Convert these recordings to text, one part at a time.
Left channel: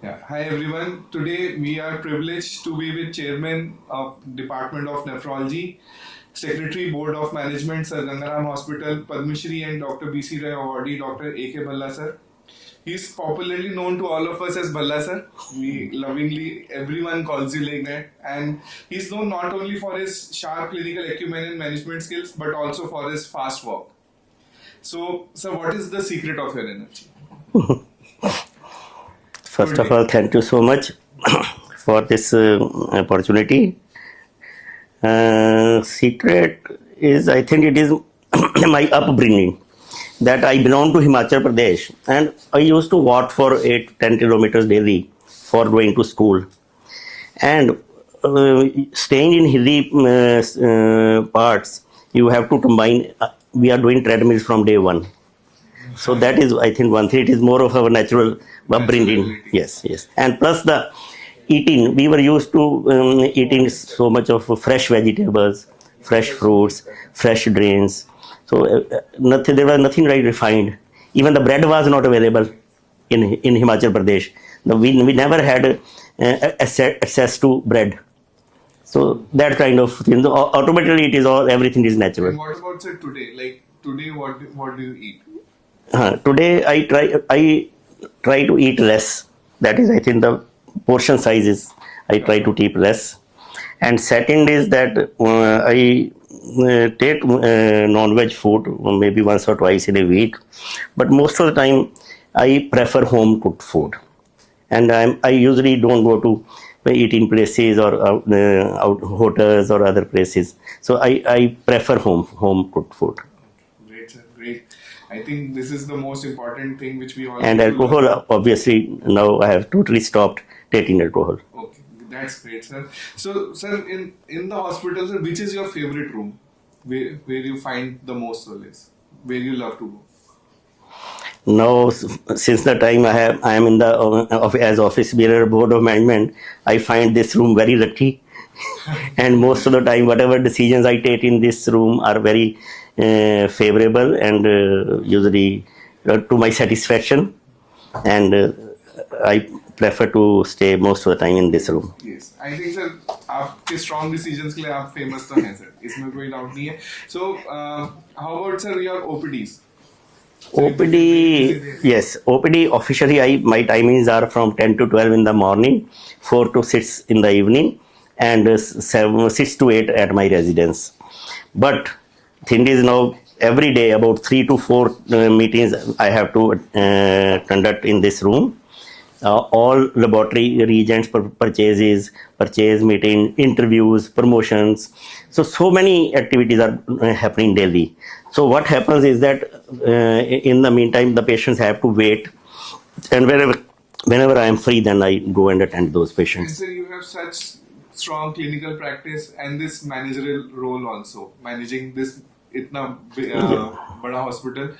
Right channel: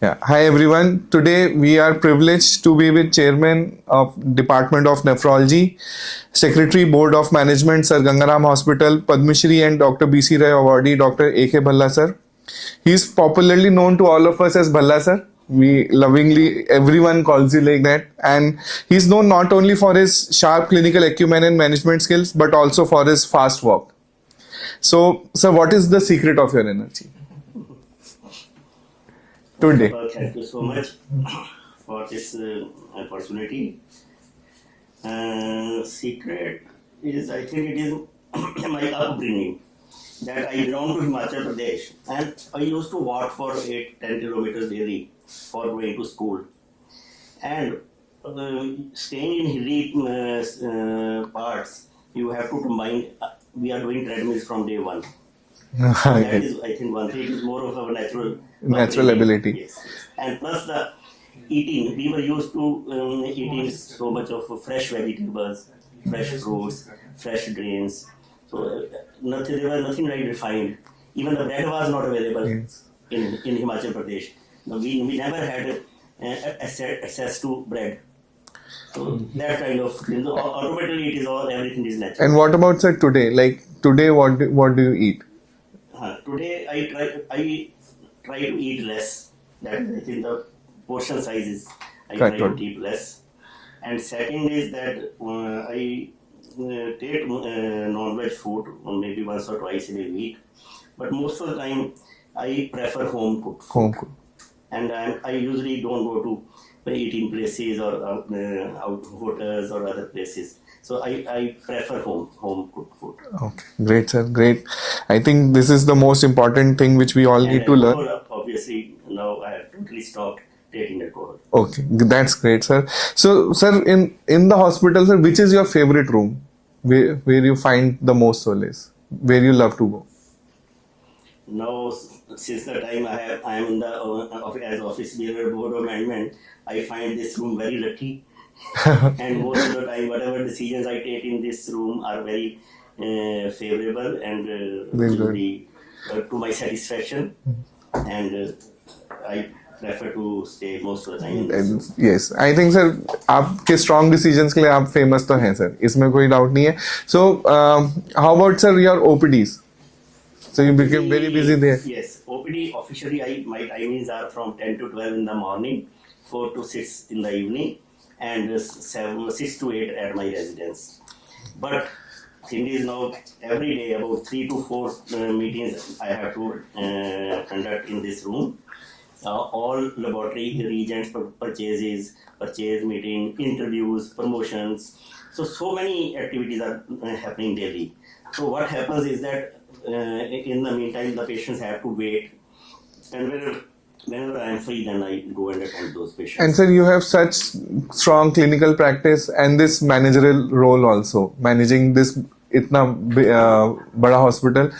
Yeah. Hi everyone. Today we are privileged to be with Chairman of Department of Nephrology, Secretary Board of Management Sir Gangaram Hospital, Padma Shri and Dr. B.C. Rai awardee Dr. A.K. Bhalla sir. He is popularly known to all of us as Bhalla sir. We lovingly, everyone calls you like that. And he's known not only for his sharp clinical acumen and management skills, but also for his fast walk. So, sir, what is the secret of your energy? First Today. of all, thank you so much for this opportunity. Secret is, I think it is my upbringing, that I belong to Himachal Pradesh and I used to walk for 8-10 kilometers daily for going to school. And staying in hilly parts, you have to combine, we are doing treadmills from day one. So that is, I think, one thing. It is more of our natural upbringing. ability. Yes, yes. And plus the eating, we were used to eating so much of fresh vegetables, fresh fruits, fresh grains. So there was nothing like refined. Even the bread was not available in Himachal Pradesh. We never had access to bread. So that kind of thing. Automatically, it is all, everything is natural. And what about sir today? Like today, what do you eat? Today I try to eat less. That is, I think, the portion sizes I try to keep less. And second is that I take non-veg food maybe once or twice in a week, but most of the time I prefer home cooked food. And I usually don't go to eating places or out hotels or other places. So I prefer home cooked food. Okay, great, sir. Great. I think this is the most important thing which we all And need to alcohol, learn. obviously, now I have totally stopped taking alcohol. Okay, that's great, sir. So, sir, in the hospital, sir, which is your favorite room where you find the most solace, where you love to go? Now, since the time I am in the as office bearer board of management, I find this room very lucky. And most of the time, whatever decisions I take in this room are very favorable and usually to my satisfaction. And I prefer to stay most of the time in this room. Yes, I think sir, आपके strong decisions के लिए आप famous तो हैं sir. इसमें कोई doubt नहीं है. So, how about sir your OPDs? So you became very busy there. Yes, OPD officially my timings are from 10 to 12 in the morning, 4 to 6 in the evening, and 6 to 8 at my residence. But thing is now every day about 3 to 4 meetings I have to conduct in this room. All laboratory reagents purchases, purchase meeting, interviews, promotions. So many activities are happening daily. So what happens is that in the meantime, the patients have to wait. And whenever I am free, then I go and attend those patients. And sir, you have such strong clinical practice and this managerial role also, managing this itna bada hospital.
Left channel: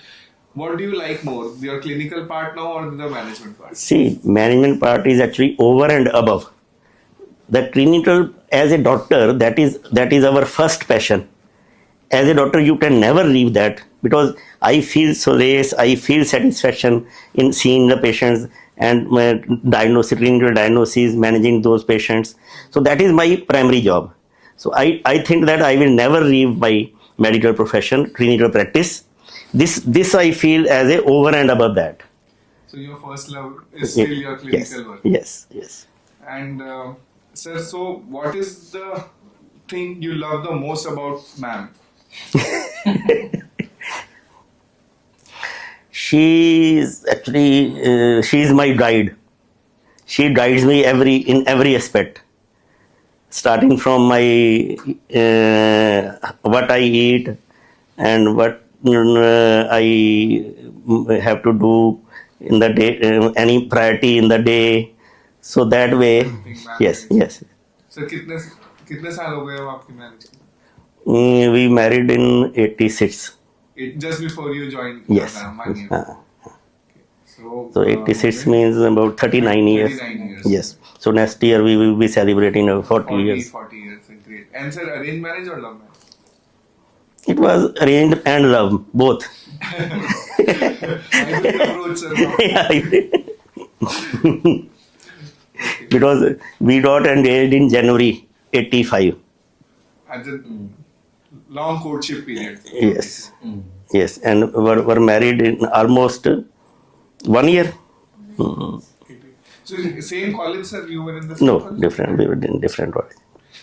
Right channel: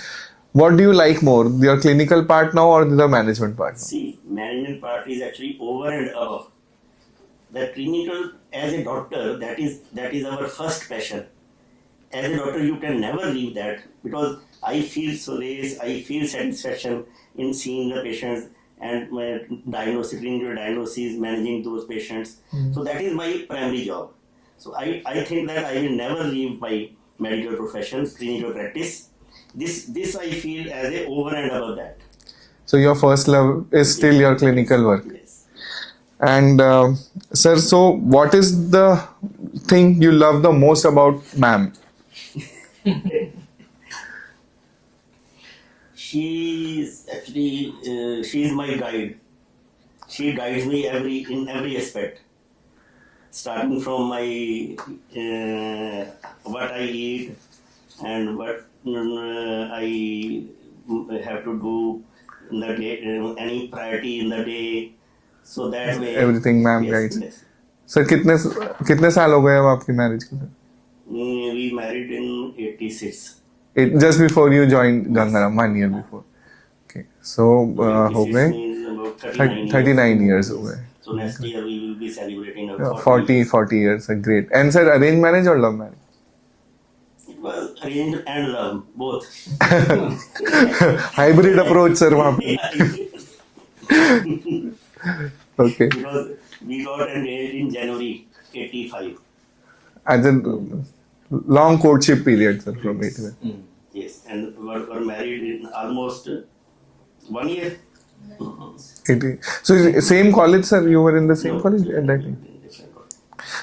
What do you like more, your clinical part now or the management part? See, management part is actually over and above. The clinical, as a doctor, that is our first passion. As a doctor, you can never leave that because I feel solace, I feel satisfaction in seeing the patients and clinical diagnosis, managing those patients. So that is my primary job. So I think that I will never leave my medical profession, clinical practice. This I feel as a over and above that. So your first love is still your clinical work. Yes. And sir, so what is the thing you love the most about ma'am? She is actually she is my guide. She guides me in every aspect, starting from my what I eat and what I have to do in the day, any priority in the day. So that way, Everything ma'am guides. Yes. Sir, कितने साल हो गए अब आपकी marriage के? We married in 86. Just before you joined Yes. Gangaram, 1 year before. Okay. So 86 हो गए means about 39 years. 39 years. Yes. हो गए. So next year we will be celebrating our 40 years. 40 years. Great. And sir, arranged marriage or love marriage? It was arranged and love, both. Hybrid approach, sir. वहाँ पे. Okay. because we got engaged in January 85. As a long courtship period, sir. Yes. Yes, and were married in almost 1 year. So same college, sir? You were in the same No, college? different. We were in different college.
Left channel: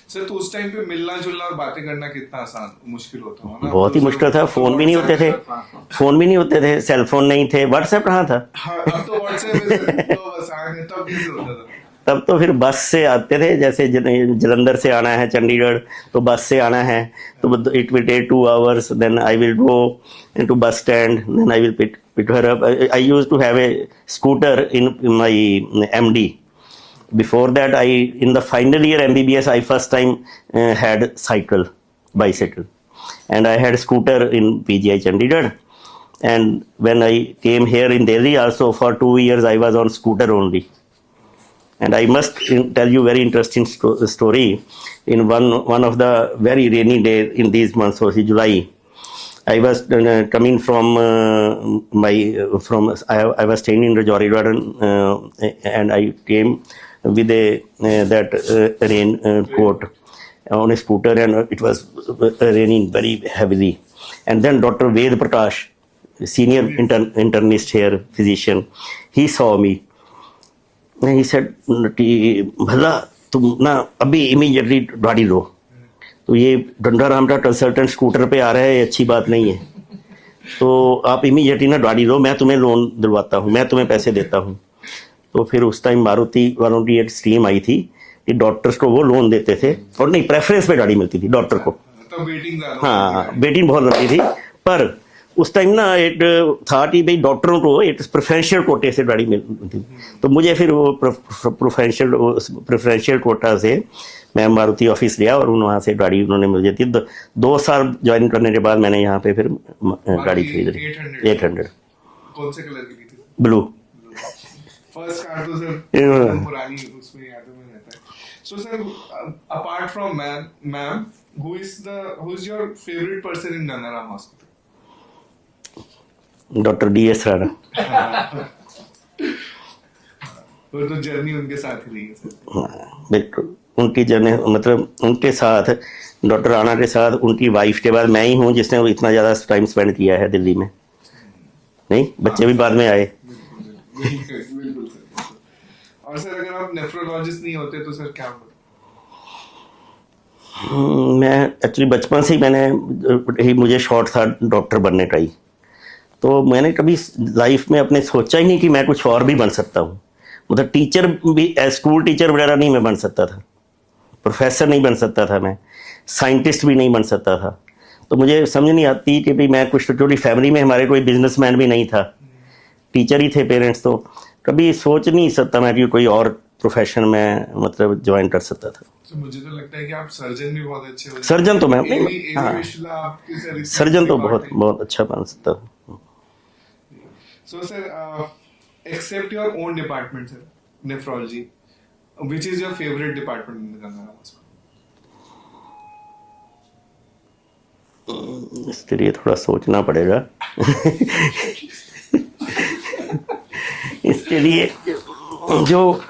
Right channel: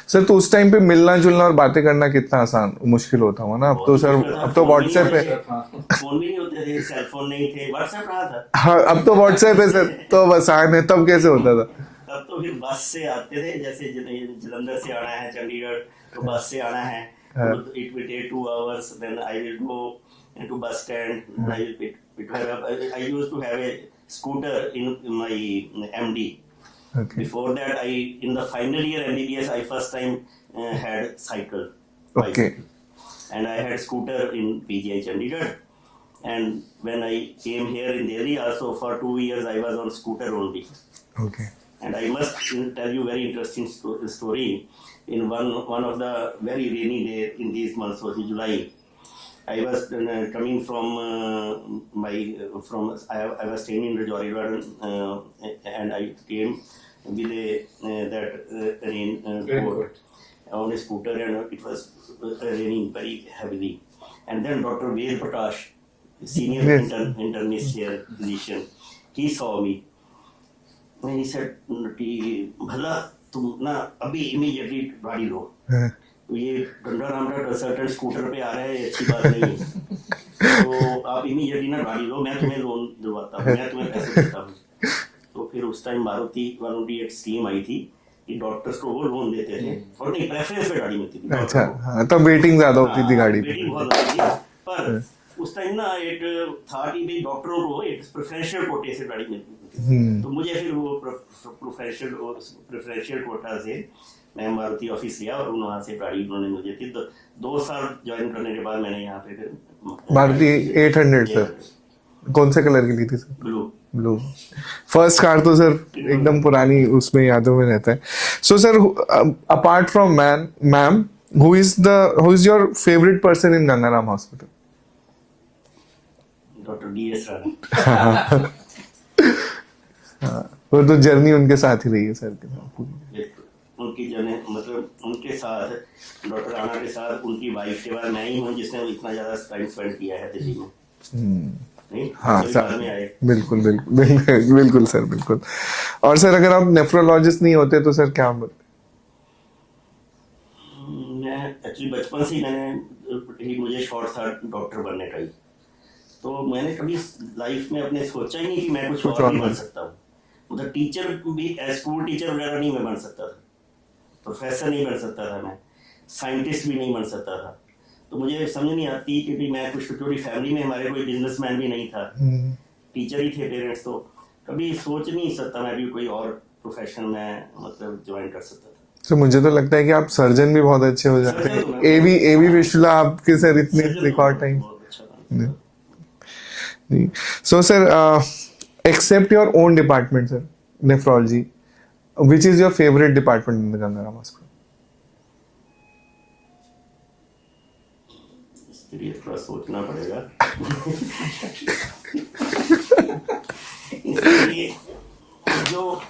Sir तो उस time पे मिलना जुलना और बातें करना कितना आसान मुश्किल होता होगा ना? अब बहुत तो ही सर- मुश्किल था. अब तो फोन भी नहीं होते WhatsApp थे. फोन भी नहीं होते थे. सेल फोन नहीं थे. व्हाट्सएप कहाँ था? हाँ, अब तो व्हाट्सएप है सर, तो बस आने तब कैसे होता था? तब तो फिर बस से आते थे. जैसे जलंधर से आना है चंडीगढ़ तो बस से आना है. तो it will take 2 hours. Then I will go into bus stand. Then I will pick her up. I used to have a scooter in my MD. Before that, in the final year MBBS, I first time had bicycle, and I had scooter in PGI Chandigarh. And when I came here in Delhi, also for 2 years I was on scooter only. Okay. And I must tell you very interesting story. In one of the very rainy days in these months of July, I was coming from I was staying in Rajouri Garden, and I came with that rain coat on a scooter, and it was raining very heavily. And then Dr. Ved Prakash, senior internist here, physician, he saw me. And he said, भला तुम ना अभी immediately गाड़ी लो. तो ये डंडा राम का consultant scooter पे आ रहा है, ये अच्छी बात नहीं है. तो आप इमीडिएटली ना गाड़ी लो, मैं तुम्हें लोन दिलवाता हूँ, मैं तुम्हें पैसे देता हूँ. तो फिर उस टाइम मारुति वालों की एक स्कीम आई थी कि डॉक्टर्स को वो लोन देते थे, और नहीं, प्रेफरेंस पे गाड़ी मिलती थी डॉक्टर को. हाँ, तब वेटिंग ज्यादा होती थी गाड़ी. वेटिंग बहुत लंबी थी. पर उस टाइम ना एक था कि भाई डॉक्टरों को एक प्रेफरेंशियल कोटे से गाड़ी मिलती थी. तो मुझे फिर वो प्रेफरेंशियल कोटा से मैं मारुति ऑफिस गया, और वहाँ से गाड़ी उन्होंने मुझे दी. 2 साल ज्वाइन करने के बाद मैंने यहाँ पे फिर मारुति 800 कौन से कलर की ली थी सर? ब्लू. फर्स्ट कार तो सर एकदम पुरानी उसमें यादों में रहता है. So sir, apart from ma'am, who is your favourite person in Gangaram hospital? Doctor DS Rana. वो तो जर्नी उनके साथ ही रही है सर. बिल्कुल, उनकी जर्नी, मतलब उनके साथ, डॉक्टर राणा के साथ, उनकी वाइफ के बाद मैं ही हूँ जिसने इतना ज्यादा टाइम स्पेंड किया है दिल्ली में. नहीं, बच्चे भी बाद में आए. बिल्कुल बिल्कुल बिल्कुल सर, बिल्कुल. और सर, अगर आप नेफ्रोलॉजिस्ट नहीं होते तो सर क्या? मैं एक्चुअली बचपन से ही मुझे शौक था डॉक्टर बनने का ही. तो मैंने कभी लाइफ में अपने सोचा ही नहीं कि मैं कुछ और भी बन सकता हूँ. मतलब टीचर भी, स्कूल टीचर वगैरह नहीं मैं बन सकता था, प्रोफेसर नहीं बन सकता था, मैं साइंटिस्ट भी नहीं बन सकता था. तो मुझे समझ नहीं आती कि भाई मैं कुछ, छोटी फैमिली में हमारे कोई बिजनेसमैन भी नहीं था, टीचर ही थे पेरेंट्स. तो कभी सोच नहीं सकता मैं कि कोई और प्रोफेशन में मतलब ज्वाइन कर सकता था. तो मुझे तो लगता है कि आप सर्जन भी बहुत अच्छे हो जाते हैं. सर्जन तो मैं, एवी विश्वला आपके सर सर्जन तो बहुत अच्छा बन सकता हूँ. So sir, except your own department, sir, nephrology, which is your favorite department in the Gangaram Hospital? इसके लिए थोड़ा सोचना पड़ेगा. इसके लिए जो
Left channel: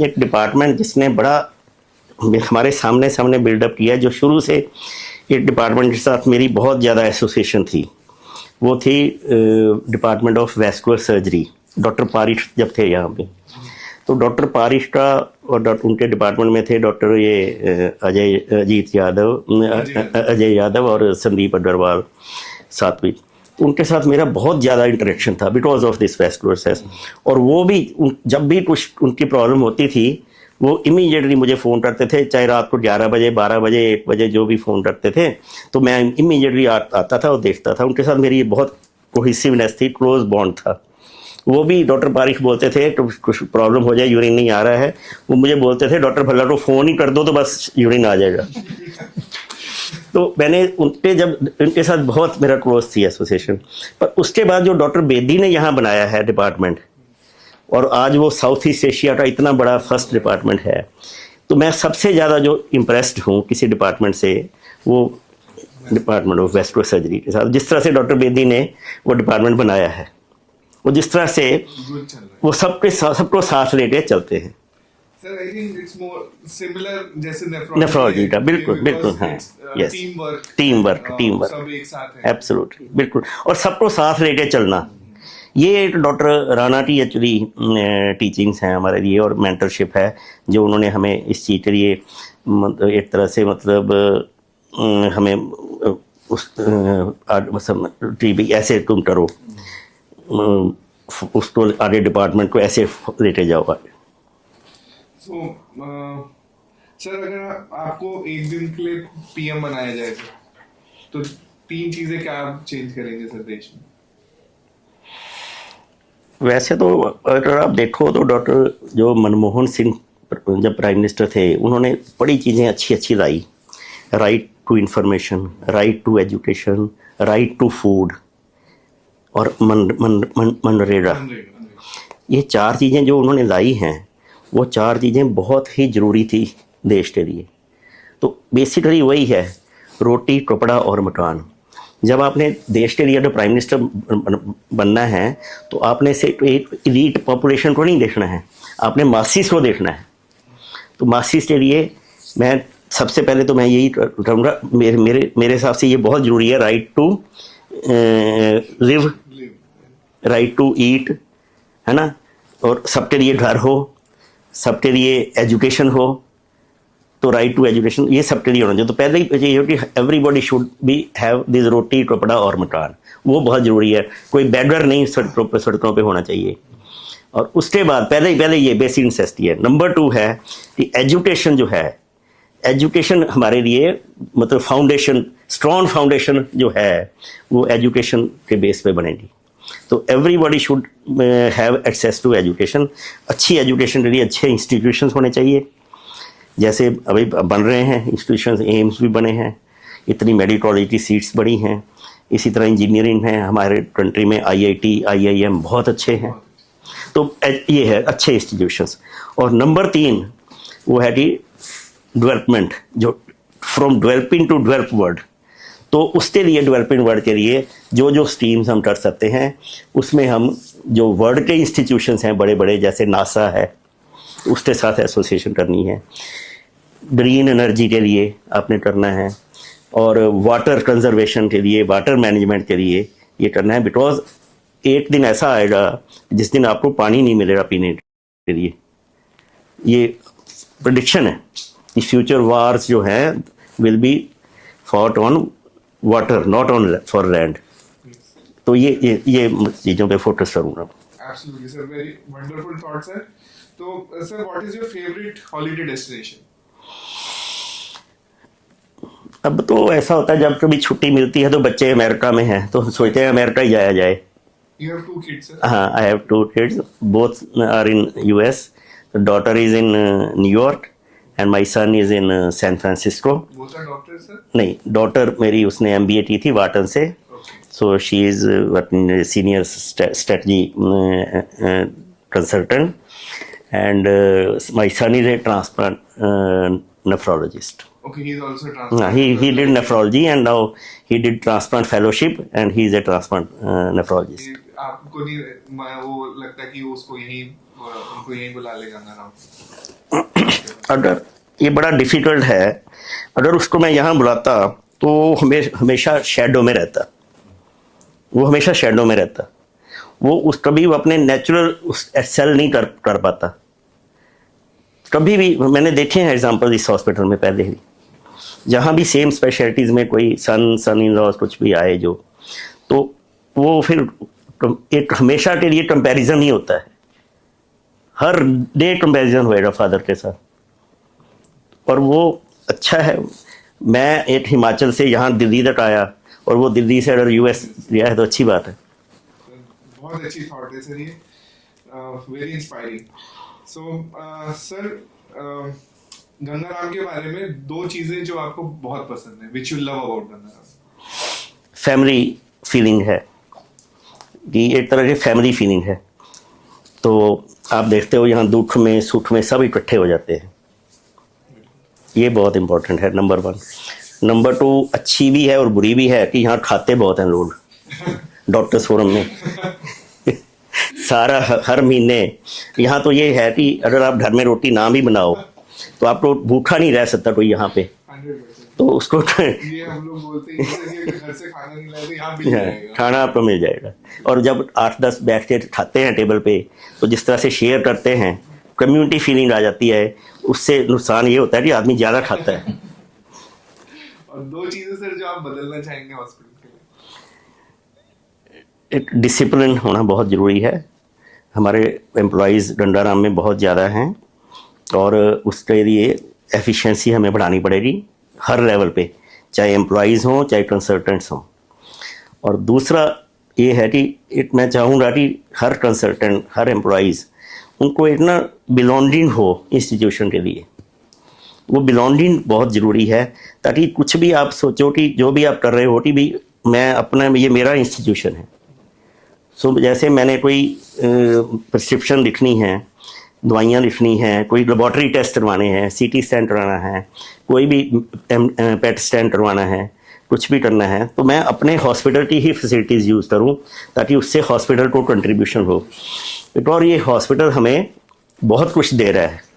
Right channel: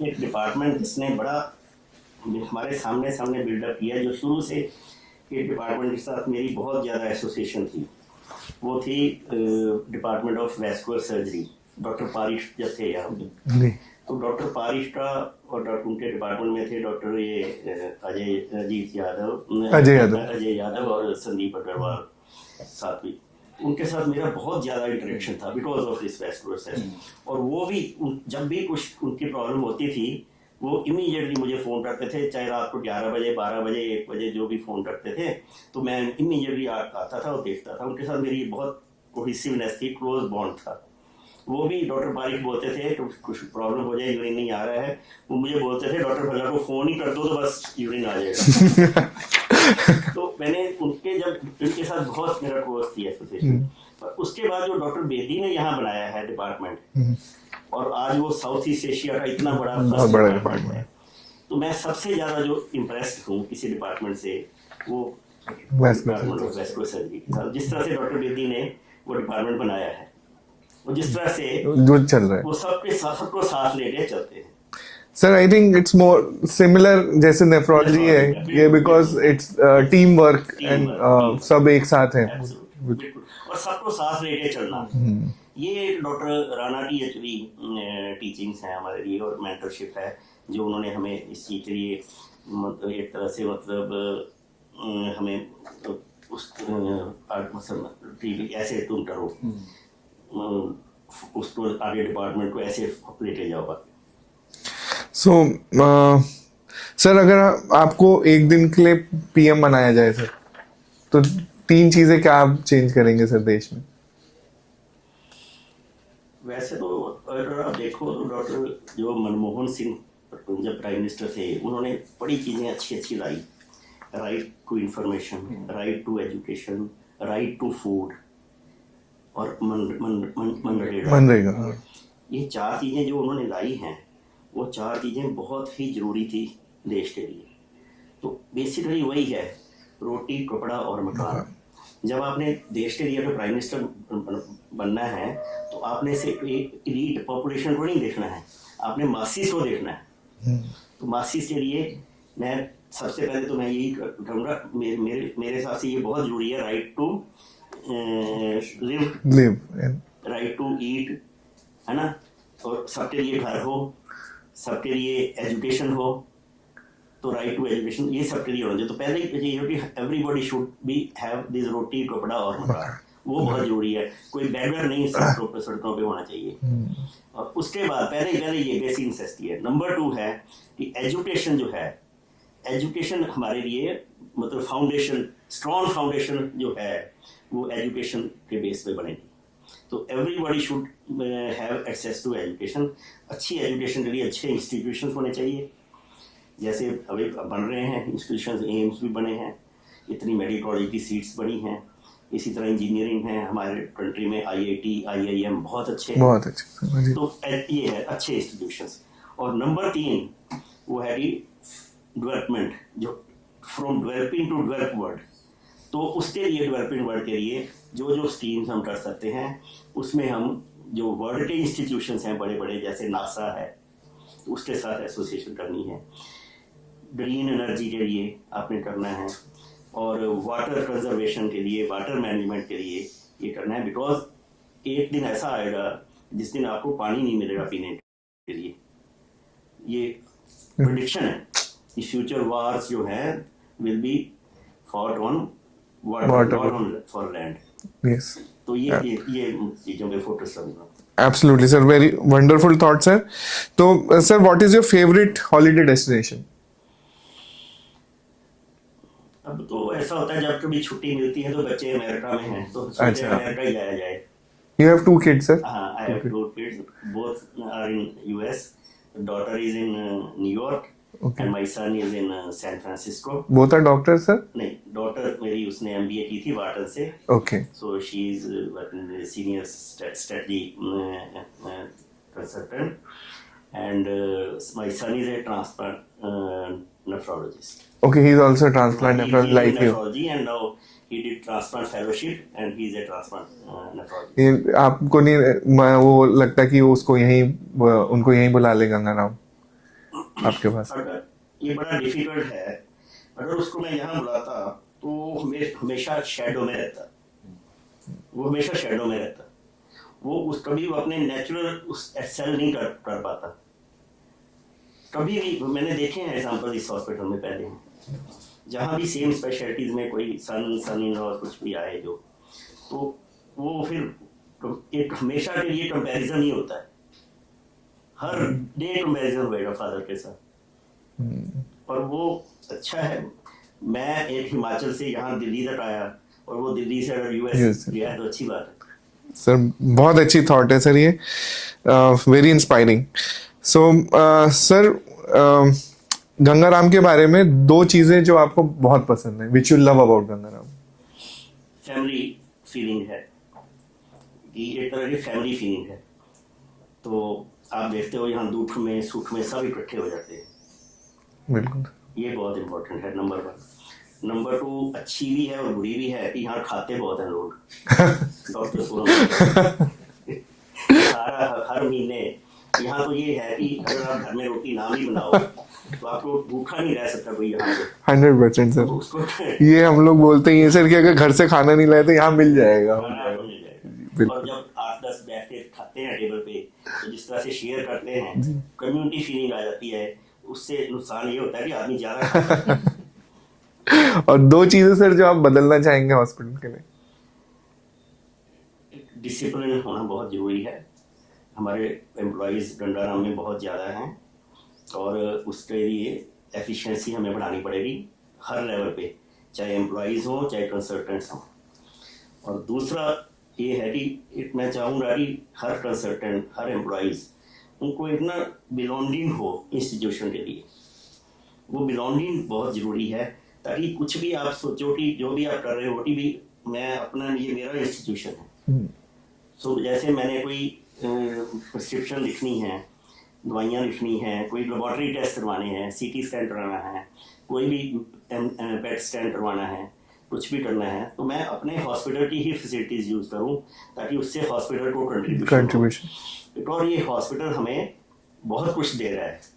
एक डिपार्टमेंट जिसने बड़ा हमारे सामने बिल्डअप किया, जो शुरू से एक डिपार्टमेंट के साथ मेरी बहुत ज़्यादा एसोसिएशन थी, वो थी department of vascular surgery. Doctor Parish जब थे यहाँ पे, तो डॉक्टर पारिश का और उनके डिपार्टमेंट में थे डॉक्टर अजय यादव और संदीप अग्रवाल सात्विक. उनके साथ मेरा बहुत ज़्यादा इंटरेक्शन था बिकॉज ऑफ दिस वेस्कुलर सेस. और वो भी जब भी कुछ उनकी प्रॉब्लम होती थी, वो इमीडिएटली मुझे फ़ोन करते थे, चाहे रात को 11 बजे, 12 बजे, 1 बजे, जो भी फ़ोन करते थे, तो मैं इमीडिएटली आता था और देखता था. उनके साथ मेरी बहुत कोहेसिवनेस थी, क्लोज बॉन्ड था. वो भी डॉक्टर पारिश बोलते थे तो कुछ प्रॉब्लम हो जाए, यूरिन नहीं आ रहा है, वो मुझे बोलते थे डॉक्टर भल्ला को फ़ोन ही कर दो तो बस यूरिन आ जाएगा. तो मैंने उनके साथ बहुत मेरा क्लोज थी एसोसिएशन. पर उसके बाद जो डॉक्टर बेदी ने यहाँ बनाया है डिपार्टमेंट, और आज वो साउथ ईस्ट एशिया का इतना बड़ा फर्स्ट डिपार्टमेंट है, तो मैं सबसे ज़्यादा जो इम्प्रेस्ड हूँ किसी डिपार्टमेंट से, वो डिपार्टमेंट ऑफ वेस्कुलर सर्जरी के साथ. जिस तरह से डॉक्टर बेदी ने वो डिपार्टमेंट बनाया है, वो जिस तरह से चल रहा है, वो सबको साथ लेके चलते हैं. Sir I think it's more similar जैसे नेफ्रोलॉजी Nephrology का, है, बिल्कुल, बिकॉज बिल्कुल, हाँ। It's Yes. Team work, team सब एक साथ है। एब्सोल्युटली, बिल्कुल, और सबको साथ लेके चलना, ये डॉक्टर राणा की एक्चुअली टीचिंग्स हैं हमारे लिए, और मेंटरशिप है जो उन्होंने हमें इस चीज़ के लिए एक तरह से मतलब हमें उस ऐसे तुम करो, उसको आगे डिपार्टमेंट को ऐसे लेके जाओ। सो सर अगर आपको एक दिन के लिए पीएम बनाया जाए सर, तो 3 चीजें क्या आप चेंज करेंगे सर देश में? वैसे तो अगर आप देखो तो डॉक्टर जो मनमोहन सिंह जब प्राइम मिनिस्टर थे, उन्होंने बड़ी चीज़ें अच्छी अच्छी लाई। Right to information, right to education, right to food, और मनरेगा। मनरेगा, हाँ। ये 4 चीज़ें जो उन्होंने लाई हैं, वो 4 चीज़ें बहुत ही ज़रूरी थी देश के लिए। तो बेसिकली वही है, रोटी, कपड़ा और मकान। जब आपने देश के लिए अगर प्राइम मिनिस्टर बनना है, तो आपने सिर्फ एक इलीट पॉपुलेशन को नहीं देखना है, आपने मासिस को देखना है। तो मासिस के लिए मैं सबसे पहले तो मैं यही कहूँगा, मेरे हिसाब से ये बहुत ज़रूरी है, right to live, right to eat, है ना, और सबके लिए घर हो, सबके लिए एजुकेशन हो, तो राइट टू एजुकेशन ये सबके लिए होना चाहिए। तो पहले ही ये हो कि everybody should be have this roti, kapda और मकान, वो बहुत ज़रूरी है। कोई बेगर नहीं सड़कों पे होना चाहिए। और उसके बाद पहले ये बेसिक नेसेसिटी है। नंबर 2 है कि एजुकेशन जो है, एजुकेशन हमारे लिए मतलब फाउंडेशन, स्ट्रॉन्ग फाउंडेशन जो है वो एजुकेशन के बेस पे बनेगी। तो everybody should have access to education. अच्छी एजुकेशन के लिए अच्छे इंस्टीट्यूशंस होने चाहिए, जैसे अभी बन रहे हैं इंस्टीट्यूशंस, एम्स भी बने हैं, इतनी मेडिकल कॉलेज की सीट्स बड़ी हैं। इसी तरह इंजीनियरिंग है हमारे कंट्री में, IIT, IIM बहुत अच्छे हैं, बहुत अच्छे। तो ये है अच्छे इंस्टीट्यूशंस। और नंबर 3 वो है कि डेवलपमेंट, जो from developing to develop world. तो उसके लिए, डेवलपिंग वर्ल्ड के लिए जो स्कीम्स हम कर सकते हैं, उसमें हम जो वर्ल्ड के इंस्टीट्यूशंस हैं बड़े बड़े, जैसे नासा है, उसके साथ एसोसिएशन करनी है। ग्रीन एनर्जी के लिए आपने करना है, और वाटर कंजर्वेशन के लिए, वाटर मैनेजमेंट के लिए ये करना है। बिकॉज एक दिन ऐसा आएगा जिस दिन आपको पानी नहीं मिलेगा पीने के लिए। ये प्रेडिक्शन है कि फ्यूचर वार्स जो हैं will be fought on water, not on for land. तो ये चीज़ों पे फोकस करूँगा। Absolutely, sir. Very wonderful thought, sir. तो sir, what is your favorite holiday destination? अब तो ऐसा होता है जब कभी छुट्टी मिलती है तो बच्चे अमेरिका में हैं, तो सोचते हैं अमेरिका ही जाया जाए। You have 2 kids, sir? हाँ, I have 2 kids. Both are in US. The daughter is in New York, and my son is in San Francisco. Both are doctors, sir? नहीं, डॉटर मेरी उसने MBA की थी वाटन से। Okay. So she is working senior strategy consultant, and my son is a transplant nephrologist. Okay, he's also a transplant. He did nephrology, and now he did transplant fellowship, and he is a transplant nephrologist. आपको नहीं वो लगता कि उसको उनको यहीं बुला ले गंगाराम आपके पास? अगर ये बड़ा डिफिकल्ट है, अगर उसको मैं यहाँ बुलाता तो हमेशा शेडो में रहता, वो हमेशा शेडो में रहता, वो कभी वो अपने नेचुरल सेल नहीं कर पाता। कभी भी मैंने देखे हैं एग्जाम्पल इस हॉस्पिटल में पहले ही, जहाँ भी सेम स्पेशलिटीज़ में कोई सन इन लॉज कुछ भी आए जो, तो वो फिर एक हमेशा के लिए कंपैरिजन ही होता है, हर डे कंपैरिजन होएगा फादर के साथ। और वो अच्छा है, मैं एक हिमाचल से यहाँ दिल्ली तक आया, और वो दिल्ली से अगर US गया है तो अच्छी बात है। सर बहुत अच्छी थॉट है सर, ये very inspiring. So sir Gangaram के बारे में 2 चीजें जो आपको बहुत पसंद है, which you love about Gangaram. Family feeling है, कि एक तरह की फैमिली फीलिंग है। तो आप देखते हो यहाँ दुख में सुख में सब इकट्ठे हो जाते हैं। बिल्कुल, ये बहुत इंपॉर्टेंट है, नंबर 1। नंबर 2 अच्छी भी है और बुरी भी है कि यहाँ खाते बहुत हैं लोग डॉक्टर्स फोरम में सारा हर महीने। यहाँ तो ये है कि अगर आप घर में रोटी ना भी बनाओ तो आपको भूखा नहीं रह सकता कोई यहाँ पे। 100% तो सर, उसको ये हम लोग बोलते ही हैं सर कि अगर घर से खाना नहीं लाए तो यहाँ मिल जाएगा। खाना आपको मिल जाएगा। और जब 8-10 बैठ के खाते हैं टेबल पे, तो जिस तरह से शेयर करते हैं, कम्युनिटी फीलिंग आ जाती है। उससे नुकसान ये होता है कि आदमी ज्यादा खाता है। और 2 चीजें सर जो आप बदलना चाहेंगे हॉस्पिटल के लिए? एक डिसिप्लिन होना बहुत ज़रूरी है। हमारे एम्प्लॉयज़ डंडाराम में बहुत ज़्यादा हैं और उसके लिए एफिशिएंसी हमें बढ़ानी पड़ेगी हर लेवल पे, चाहे एम्प्लॉयज़ हों चाहे कंसल्टेंट्स हों। और दूसरा ये है कि मैं चाहूँगा कि हर कंसल्टेंट, हर एम्प्लॉयज़, उनको एक ना बिलोंगिंग हो इंस्टीट्यूशन के लिए। वो बिलोंगिंग बहुत ज़रूरी है, ताकि कुछ भी आप सोचो कि जो भी आप कर रहे हो कि भी मैं अपना, ये मेरा इंस्टीट्यूशन है। सो जैसे मैंने कोई प्रिस्क्रिप्शन लिखनी है, दवाइयाँ लिखनी हैं, कोई लेबॉर्ट्री टेस्ट करवाने हैं, सीटी स्कैन करवाना है, कोई भी पेट स्कैन करवाना है, कुछ भी करना है, तो मैं अपने हॉस्पिटल की ही फैसिलिटीज़ यूज़ करूँ, ताकि उससे हॉस्पिटल को कंट्रीब्यूशन हो। और ये हॉस्पिटल हमें बहुत कुछ दे रहा है,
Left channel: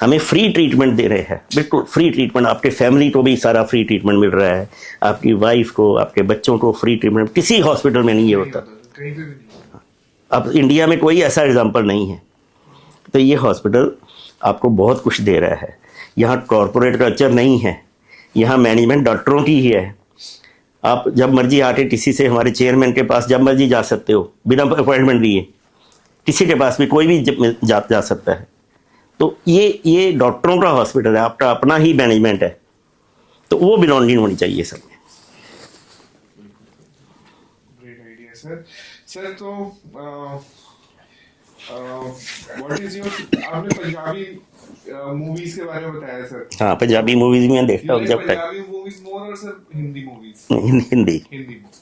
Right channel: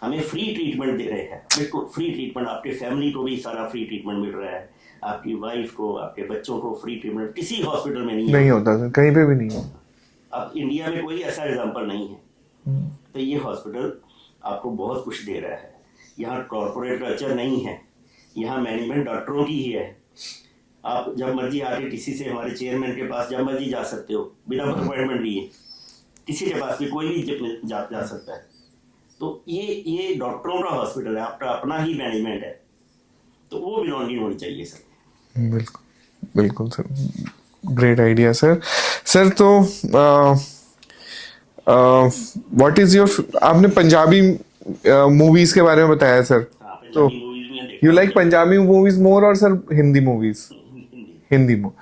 हमें फ्री ट्रीटमेंट दे रहे हैं, बिल्कुल फ्री ट्रीटमेंट। आपके फैमिली को भी सारा फ्री ट्रीटमेंट मिल रहा है, आपकी वाइफ को, आपके बच्चों को फ्री ट्रीटमेंट किसी हॉस्पिटल में नहीं होता सर, कहीं पे भी नहीं होता। अब इंडिया में कोई ऐसा एग्जाम्पल नहीं है। तो ये हॉस्पिटल आपको बहुत कुछ दे रहा है। यहाँ कॉरपोरेट कल्चर नहीं है, यहाँ मैनेजमेंट डॉक्टरों की ही है। आप जब मर्जी आके किसी से, हमारे चेयरमैन के पास जब मर्जी जा सकते हो, बिना अपॉइंटमेंट लिए। किसी के पास भी कोई भी जा सकता है। तो ये डॉक्टरों का हॉस्पिटल है, आपका अपना ही मैनेजमेंट है, तो वो बिलोंगिंग होनी चाहिए सब में। बिल्कुल बिल्कुल sir, great idea sir. Sir तो व्हाट इज योर, आपने पंजाबी मूवीज के बारे में बताया सर। हाँ, पंजाबी मूवीज में देखता यू हूँ। लाइक पंजाबी मूवीज मोर और sir Hindi movies? Hindi more.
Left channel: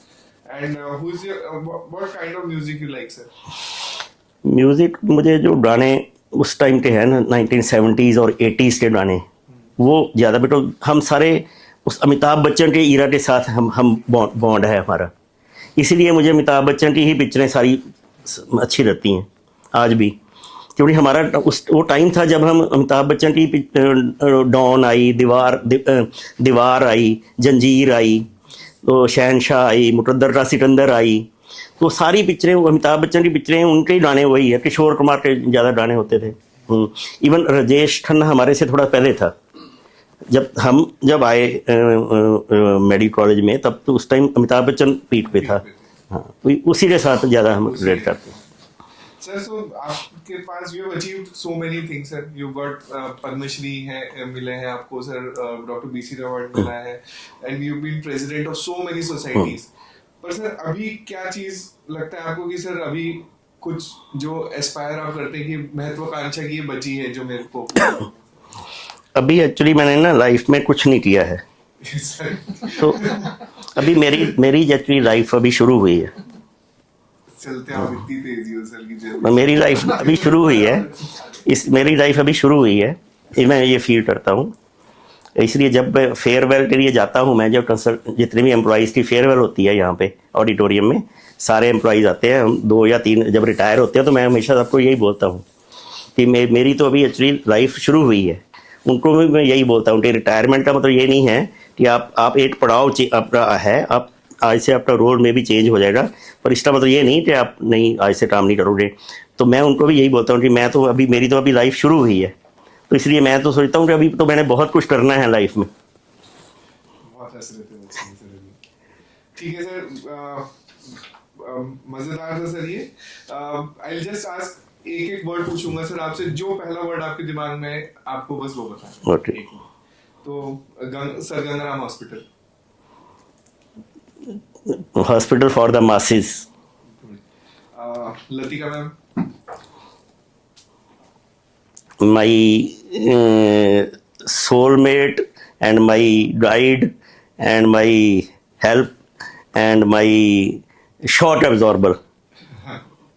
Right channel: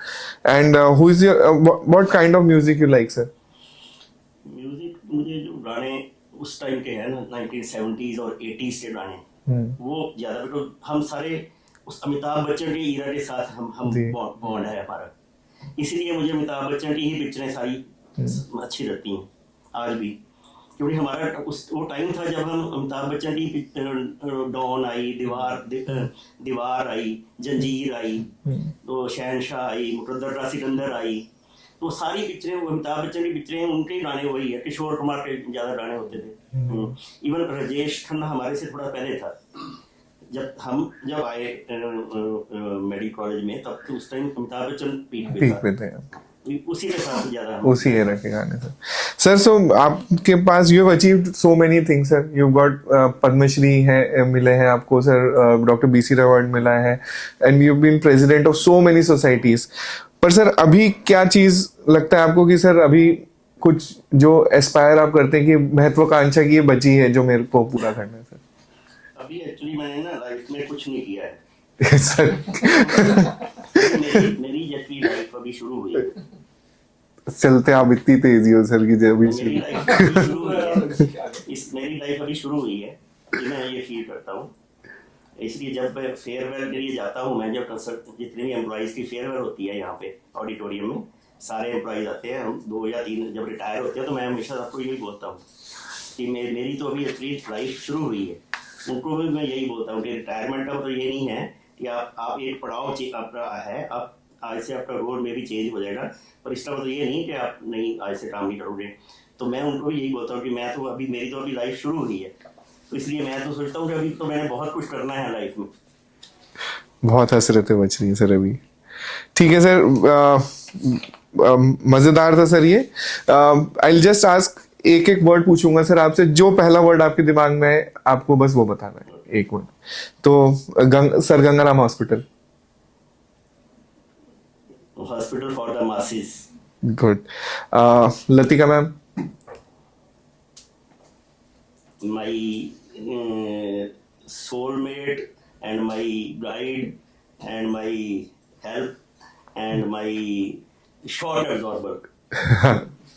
And who is your, what kind of music you like sir? Music, मुझे जो गाने उस टाइम के हैं ना, 1970s और 80s के गाने, वो ज़्यादा। बेटा हम सारे उस अमिताभ बच्चन के ईरा के साथ हम बॉन्ड है हमारा, इसलिए मुझे अमिताभ बच्चन की ही पिक्चरें सारी अच्छी लगती हैं आज भी। क्योंकि हमारा वो टाइम था जब हम अमिताभ बच्चन की डॉन आई, दीवार आई, जंजीर आई, तो शहनशाह आई, मुकद्दर का सिकंदर आई, तो सारी पिक्चरें वो अमिताभ बच्चन की पिक्चरें, उनके ही गाने वही है। किशोर कुमार के ज़्यादा गाने होते थे। इवन राजेश खन्ना हमारे से थोड़ा पहले था। जब आए मेडिकल कॉलेज में, तब तो उस टाइम अमिताभ बच्चन पीक पे था। हाँ, तो उसी के साथ ज़्यादा हम उसी के गाने सर। सो आपके पास, you have achieved so many things sir. You got Padma है मिले हैं आपको sir, doctor B C Roy मिला है, and you been president of so many societies. पर सर अभी क्या चीज लगता है आपको कि सर अभी कुछ जो एस्पायर आप करते हैं कि महत्वाकांक्षा की ये बची है जो मेरे को पूरा करना है सर? अभी एक्चुअली मैंने ना लाइफ में कुछ नहीं किया है सर। तो अभी मेरी एक्चुअली लाइफ अभी शुरू हुई है। चलते आप इतनी तेजी हो सर की जब मेरी लाइफ अभी शुरू हुई है, मेरी लाइफ अभी शुरू हुई है, मैं ये फील करता हूँ। इसलिए जब फेयरवेल के लिए जाता हूँ मैं, जब जितने भी एम्प्लॉयज़ की फेयरवेल होती है यहाँ पे ऑडिटोरियम में, सारे एम्प्लॉयज़ आते हैं, हम 2 या 3 जब रिटायर होते हैं, तो मैं हमेशा सबको यही बोलता हूँ कि मेरी तो अभी एक्चुअली लाइफ शुरू हुई है। उनको भी मैं यही बोलता हूँ कि रिटायरमेंट का मतलब ये नहीं है कि आप एक पड़ाव आपका है, आप आज से आपका रोल में भी चेंज हो जाएगा, पर इसका मतलब ये नहीं कि आप नहीं आज से काम नहीं करोगे। तो मैं उनको भी यही बोलता हूँ कि मेरी तो अभी लाइफ शुरू हुई है, तो इसलिए मैं तो सोचता हूँ कि अभी तो मैंने बहुत कुछ करना है लाइफ में। बहुत हसरतें बची हैं सर अभी। ठीक है सर, मजेदार था सर ये। आई विल जस्ट आस्क, एक एक वर्ड पूछूंगा सर आपसे, जो पहला वर्ड आपके दिमाग में है आपको बस वो बताना है। Okay. एक वर्ड। तो sir Gangaram hospital. Hospital for the masses. Good. Latika ma'am. My soulmate and my guide and my help and my shock absorber.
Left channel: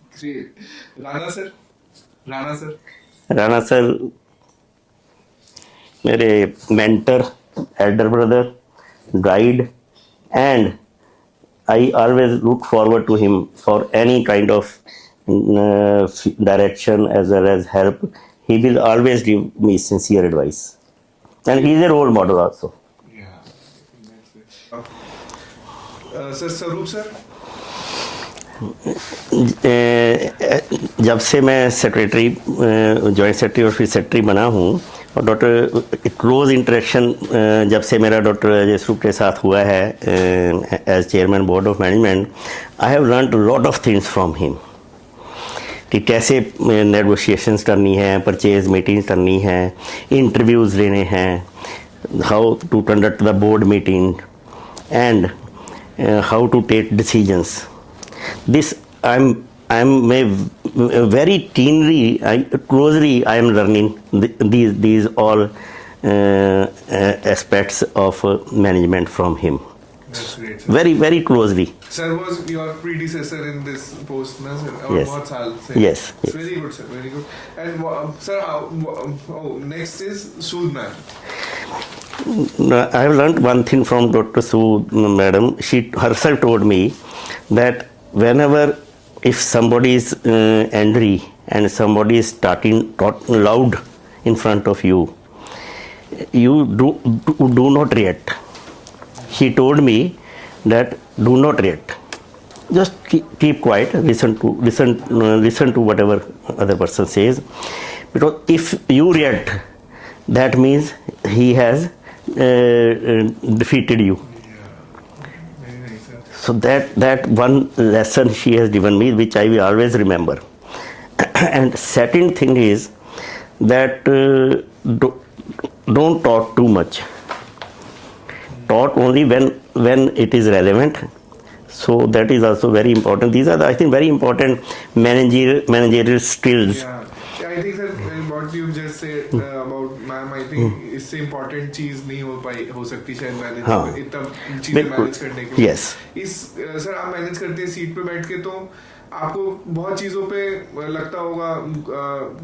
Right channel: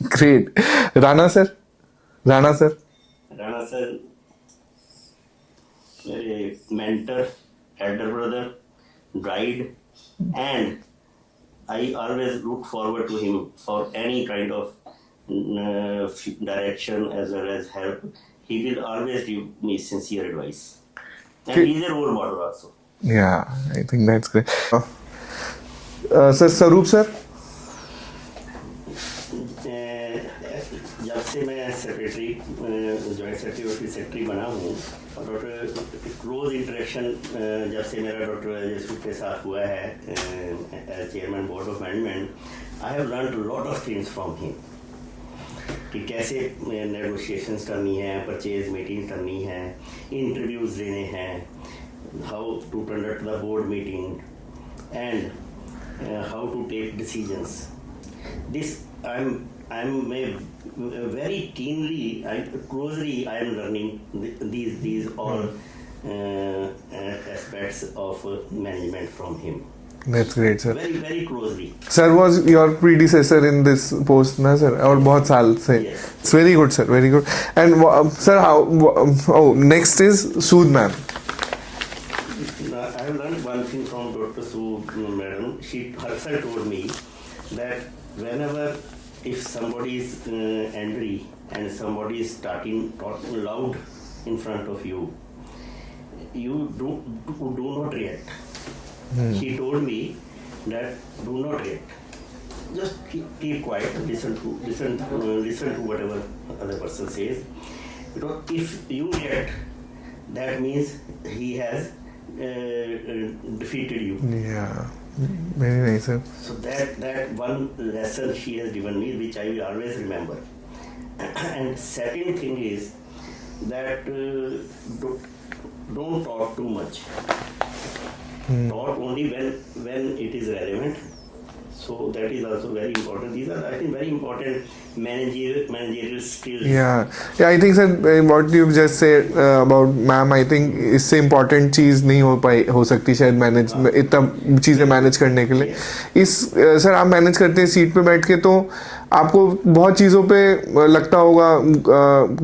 Great. Rana sir. Rana sir मेरे mentor, elder brother, guide, and I always look forward to him for any kind of direction as well as help. He will always give me sincere advice, and he is a role model also. Yeah, I think that's great. Sir, Sarup sir. जब से मैं secretary joint secretary और फिर secretary बना हूँ, और doctor close interaction जब से मेरा डॉक्टर अजय स्वरूप के साथ हुआ है as chairman board of management, I have learned lot of things from him कि कैसे नेगोशिएशंस करनी है, परचेज मीटिंग्स करनी है, इंटरव्यूज़ लेने हैं, how to conduct the board meeting and how to take decisions. This I'm very keenly, closely I am learning these all aspects of management from him. That's great, sir. Very very closely. Sir was your predecessor in this post, na sir? और Yes. बहुत साल से. Yes. It's very good, sir. Very good. And sir, how? Next is Sood ma'am. I have learned one thing from Dr. Sood madam. She herself told me that whenever if somebody is angry and somebody is talking loud in front of you, you do not react. She told me that do not react. Just keep quiet. Listen to whatever other person says, because if you react, that means he has defeated you. Yeah. Very nice, sir. So that one lesson she has given me, which I will always remember. And second thing is that don't talk too much. Talk only when it is relevant. So that is also very important. These are, I think, very important managerial skills. Yeah, I think sir, what you've just said about ma'am, I think इससे important चीज नहीं हो सकती शायद manage इतना चीजें manage करने के लिए. Yes. इस सर आप मैनेज करते हैं सीट पे बैठ के, तो आपको बहुत चीजों पे लगता होगा,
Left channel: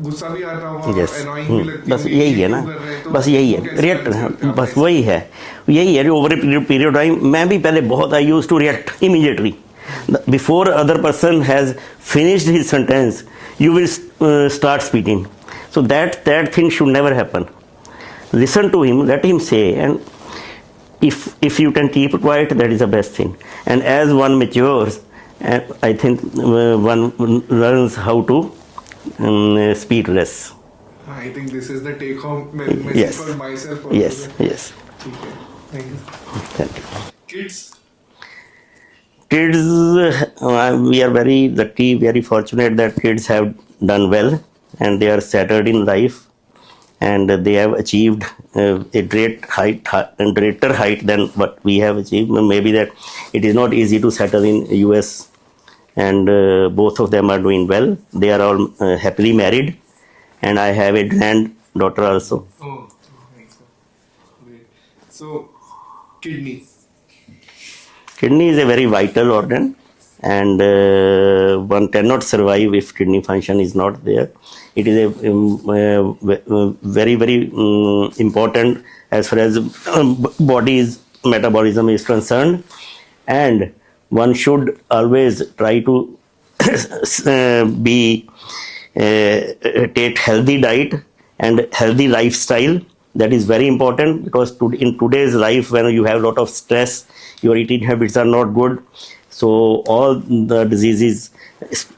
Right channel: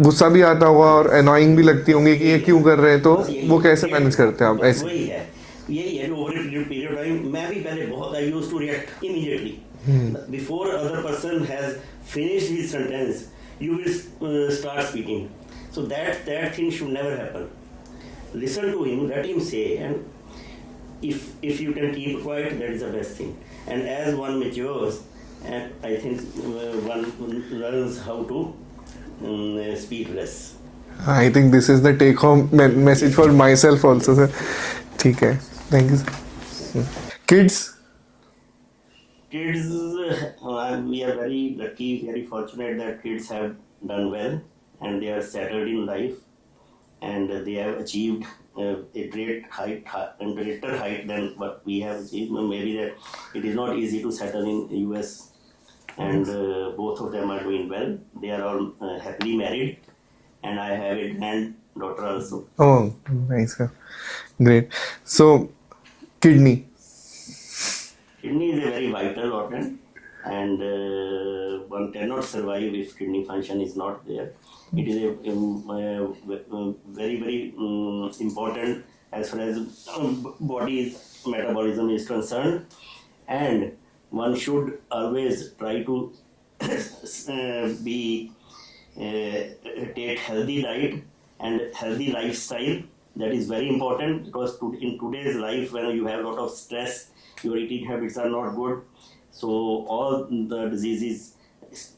गुस्सा भी आता होगा और annoying भी लगती होंगी कि ये क्यों कर रहे हैं, तो वो कैसे मैनेज करते हैं आप? बस वही है ओवर ए पीरियड टाइम. मैं भी पहले बहुत I used to react immediately before other person has finished his sentence. You will start speaking. So that thing should never happen. Listen to him, let him say, and if you can keep quiet, that is the best thing. And as one matures, I think one learns how to speak less. I think this is the take home message Yes. for myself also, Yes, sir. yes. ठीक है, thank you, sir. Thank you. Kids. Kids, we are very lucky, very fortunate that kids have done well and they are settled in life, and they have achieved a greater height than what we have achieved. Maybe that it is not easy to settle in US, and both of them are doing well. They are all happily married, and I have a granddaughter also. Oh, nice, sir. Great. So, kidney. Kidney is a very vital organ, and one cannot survive if kidney function is not there. It is a very very important as far as body's metabolism is concerned, and one should always try to take healthy diet and healthy lifestyle. That is very important, because in today's life, when you have a lot of stress, your eating habits are not good. So all the diseases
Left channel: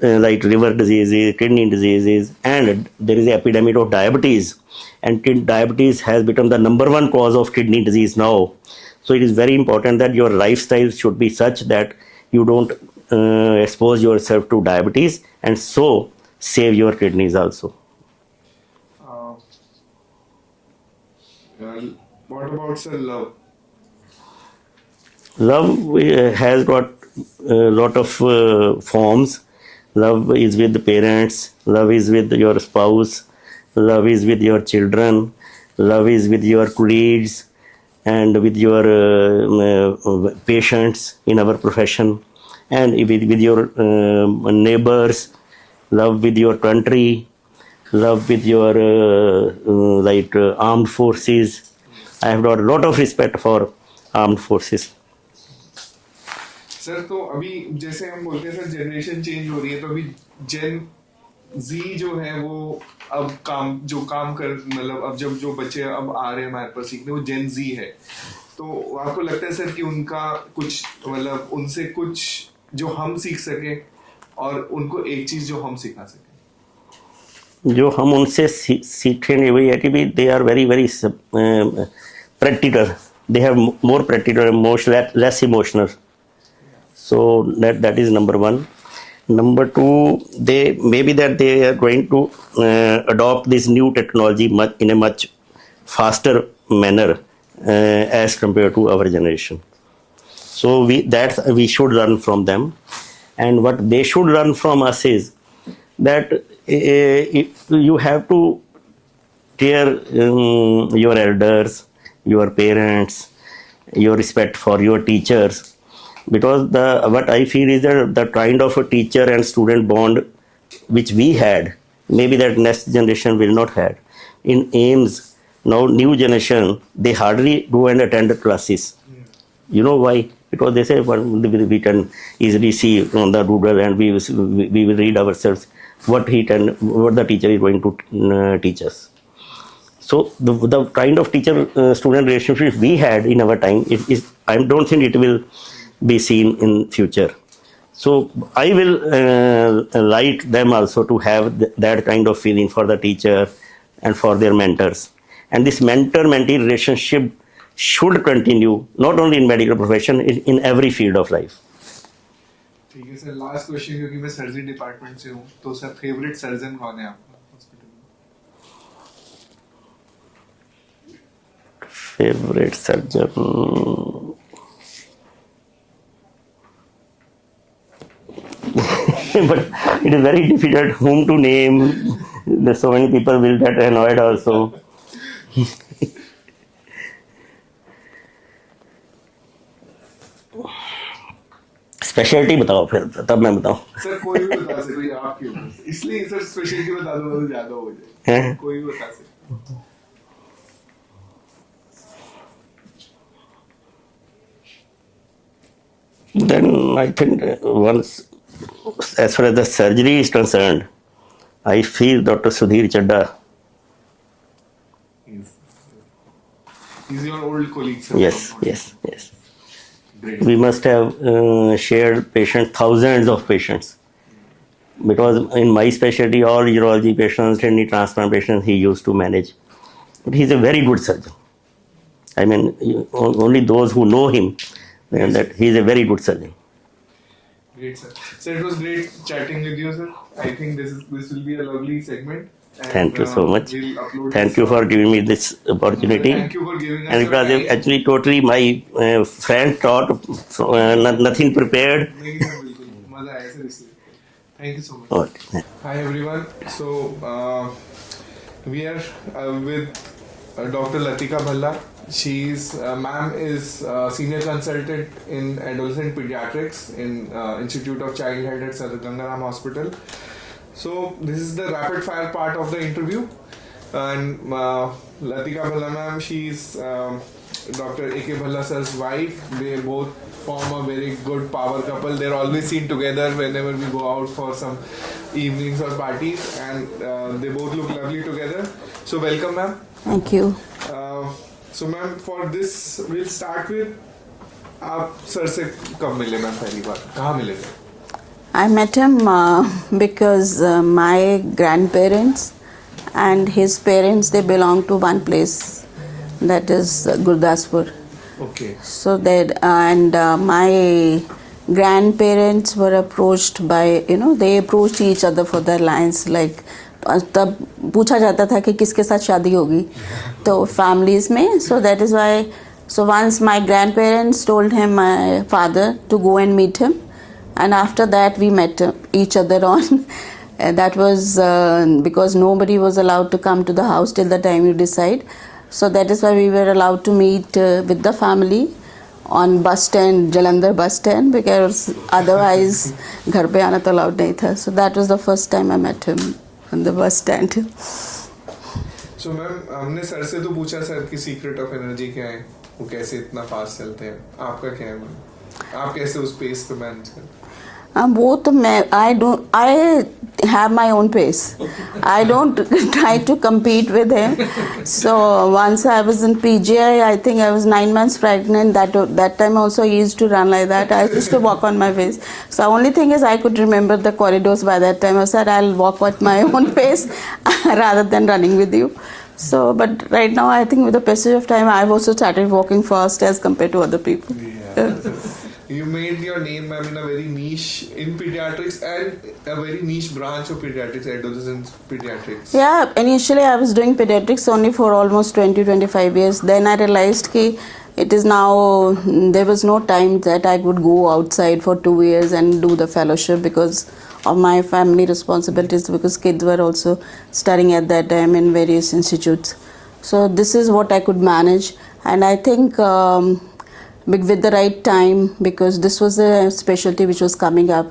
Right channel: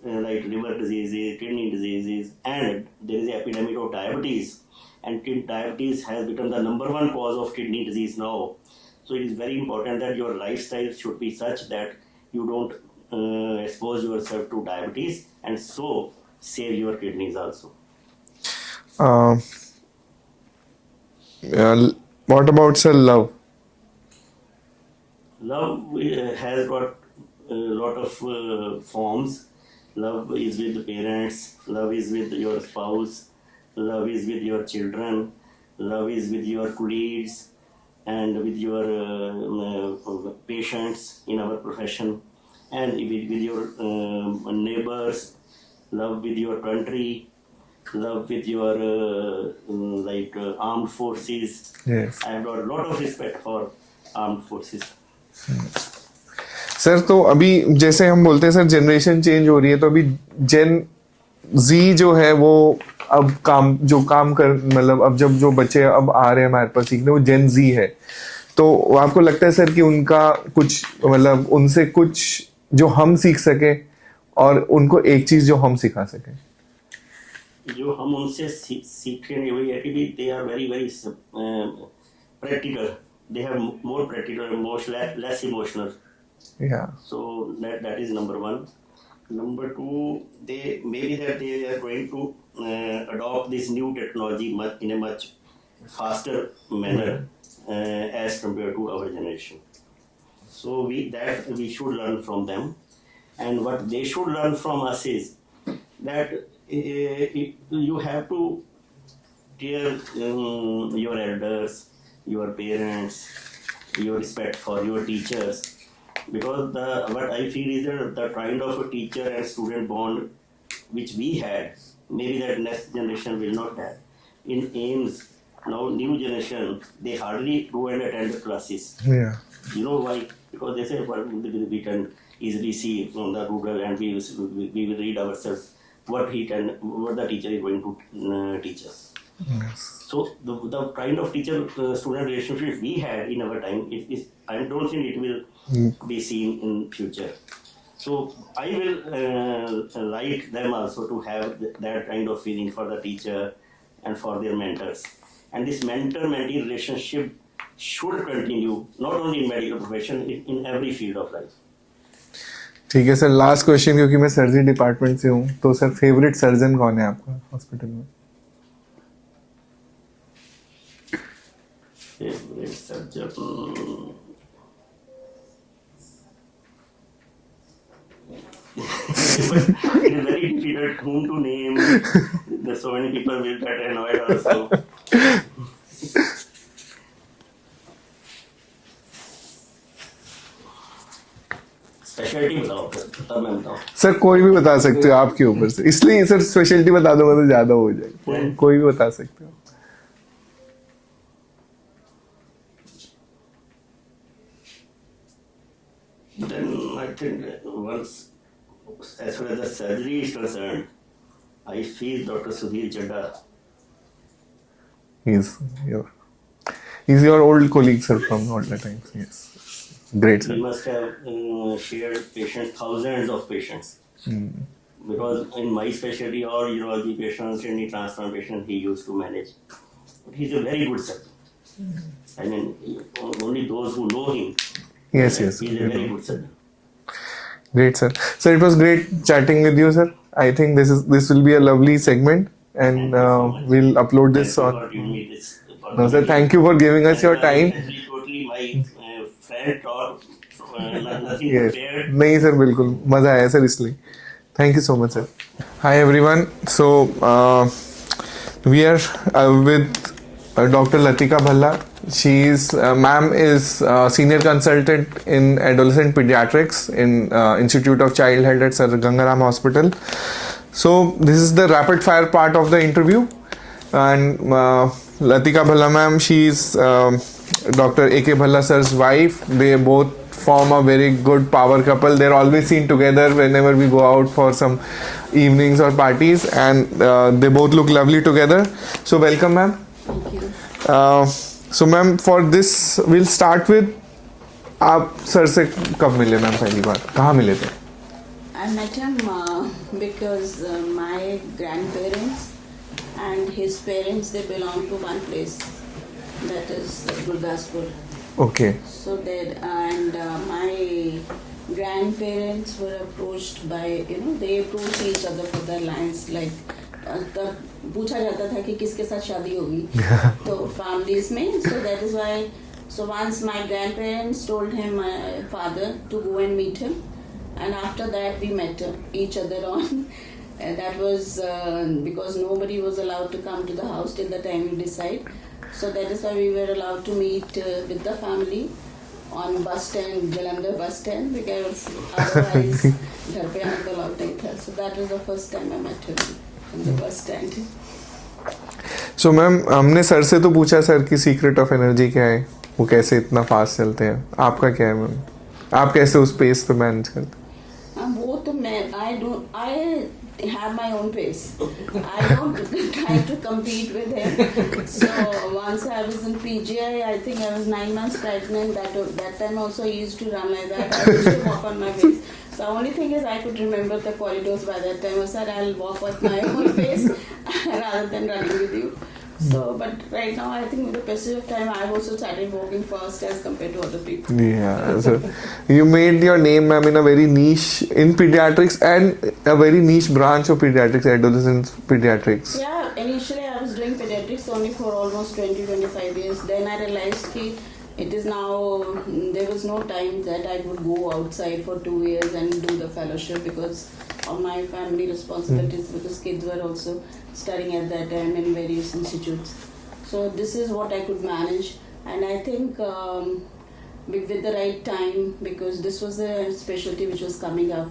like liver diseases, kidney diseases, and there is an epidemic of diabetes, and diabetes has become the #1 cause of kidney disease now. So it is very important that your lifestyle should be such that you don't expose yourself to diabetes, and so save your kidneys also. What about, sir, love? Love has got a lot of forms. Love is with the parents, love is with your spouse, love is with your children, love is with your colleagues, and with your patients in our profession, and with your neighbors, love with your country, love with your armed forces. Yes. I have got a lot of respect for armed forces. Sir तो अभी जैसे हम बोलते हैं sir generation change हो रही है, तो अभी जेन जी जो है वो अब काम कर मतलब अब जब जो बच्चे अब आ रहे हैं हमारे पास सीखने, वो जेन जी है, तो आपको लगता है सर कि उनका कुछ मतलब उनसे कुछ जो हम सीख सके और उनको एक चीज जो हम सिखा सके? जो हम उनसे सीखेंगे वही है कि भी they are very very practical, they have more practical, less emotional. Yeah. So that is number one. Number two, they maybe that they are going to adopt this new technology in a much faster manner as compared to our generation. So we should learn from them, and what they should learn from us is that you have to care your elders, your parents, your respect for your teachers. Because what I feel is that the kind of a teacher and student bond which we had, maybe that next generation will not have. In AIMS, now new generation, they hardly go and attend the classes. Yeah. You know why? Because they say, well, we can easily see on the Google, and we will read ourselves what the teacher is going to teach us. So the kind of teacher-student relationship we had in our time, I don't think it will be seen in future. So I will like them also to have that kind of feeling for the teacher and for their mentors. And this mentor-mentee relationship should continue, not only in medical profession, in every field of life. ठीक है sir, last question, क्योंकि मैं surgery department से हूँ, तो sir favourite surgeon कौन है आपका हॉस्पिटल में? Favorite surgeon. But it is very difficult whom to name. There's so many people will get annoyed also. Speciality बताओ फिर, तब मैं बताऊं. सर कोई भी बता सकते हो आपके ऊपर से, इसलिए सर स्पेशलिटी बता दूंगा तो ज्यादा हो जाएगी. कोई भी बता सकते हो. Then I think once, as far as the surgery is concerned, I feel Dr. Sudhir Chadda. He's your old colleague, sir. Yes, from yes, time. yes. Great. We must have shared patients, thousands of patients. Because in my specialty, all urology patients, kidney transplant patients, he used to manage. But he's a very good surgeon. I mean, only those who know him, Yes, that yes. he's a very good surgeon. Great, sir. Sir, it was great chatting with you, sir. I think this will be a lovely segment, and Thank you so much. we'll upload this. Thank you for giving me this No, opportunity. sir, thank you for giving us And your it was time. actually totally my friend taught, nothing prepared. नहीं sir, बिल्कुल मजा आया sir, इसलिए thank you so much sir. Okay. Hi everyone. So we are with Dr. Latika Bhalla. Ma'am is senior consultant in adolescent pediatrics in Institute of Child Health at Sir Gangaram Hospital. So this is the rapid fire part of the interview, and Latika Bhalla ma'am, she's Dr. A.K. Bhalla sir's wife. They both form a very good power couple. They're always seen together whenever we go out for some evenings or parties, and they both look lovely together. So welcome ma'am. Thank you. So ma'am, for this will start with, आप sir से कब मिले ma'am पहली बार, कहाँ मिले थे? I met him because my grandparents and his parents, they belong to one place, that is Gurdaspur. Okay. So that and my grandparents were approached by, they approached each other for their alliance, like तब पूछा जाता था कि किसके साथ शादी होगी तो फैमिलीज में. So that is why, so once my grandparents told him, my father, to go and meet him, and after that we met each other on and that was because nobody was allowed to come to the house till the time you decide. So that is why we were allowed to meet with the family on bus stand, Jalandhar bus stand, because otherwise घर पे आना तो allowed नहीं था. So that was the first time I met him on the bus stand. So ma'am, हमने sir से तो पूछा सर की सीक्रेट ऑफ एनर्जी क्या है, वो कैसे इतना फास्ट चलते हैं, आपका क्या है मैम? आप कैसे उस पेस पे मैनेज करते? वो तो मैं I have my own pace. I don't try to compete with him. So once I was in PGI, I think I was 9 months pregnant. That time also he used to run like that. I used to walk on my pace. So only thing is I could remember the corridors by that time. I said I'll walk at my own pace rather than running with you. So, but right now I think with the passage of time, I've also started walking fast as compared to other people. Yeah. So you made your name, ma'am, in a very niche in pediatrics and a very niche branch of pediatrics, adolescent pediatrics. Yeah, initially I was doing pediatrics only for almost 20-25 years. Then I realized that it is now, there was no time that I could go outside for 2 years and do the fellowship because of my family responsibilities, because kids were also studying at that time in various institutes. So this is what I could manage, and I think with the right time, because this was a specialty which was coming up,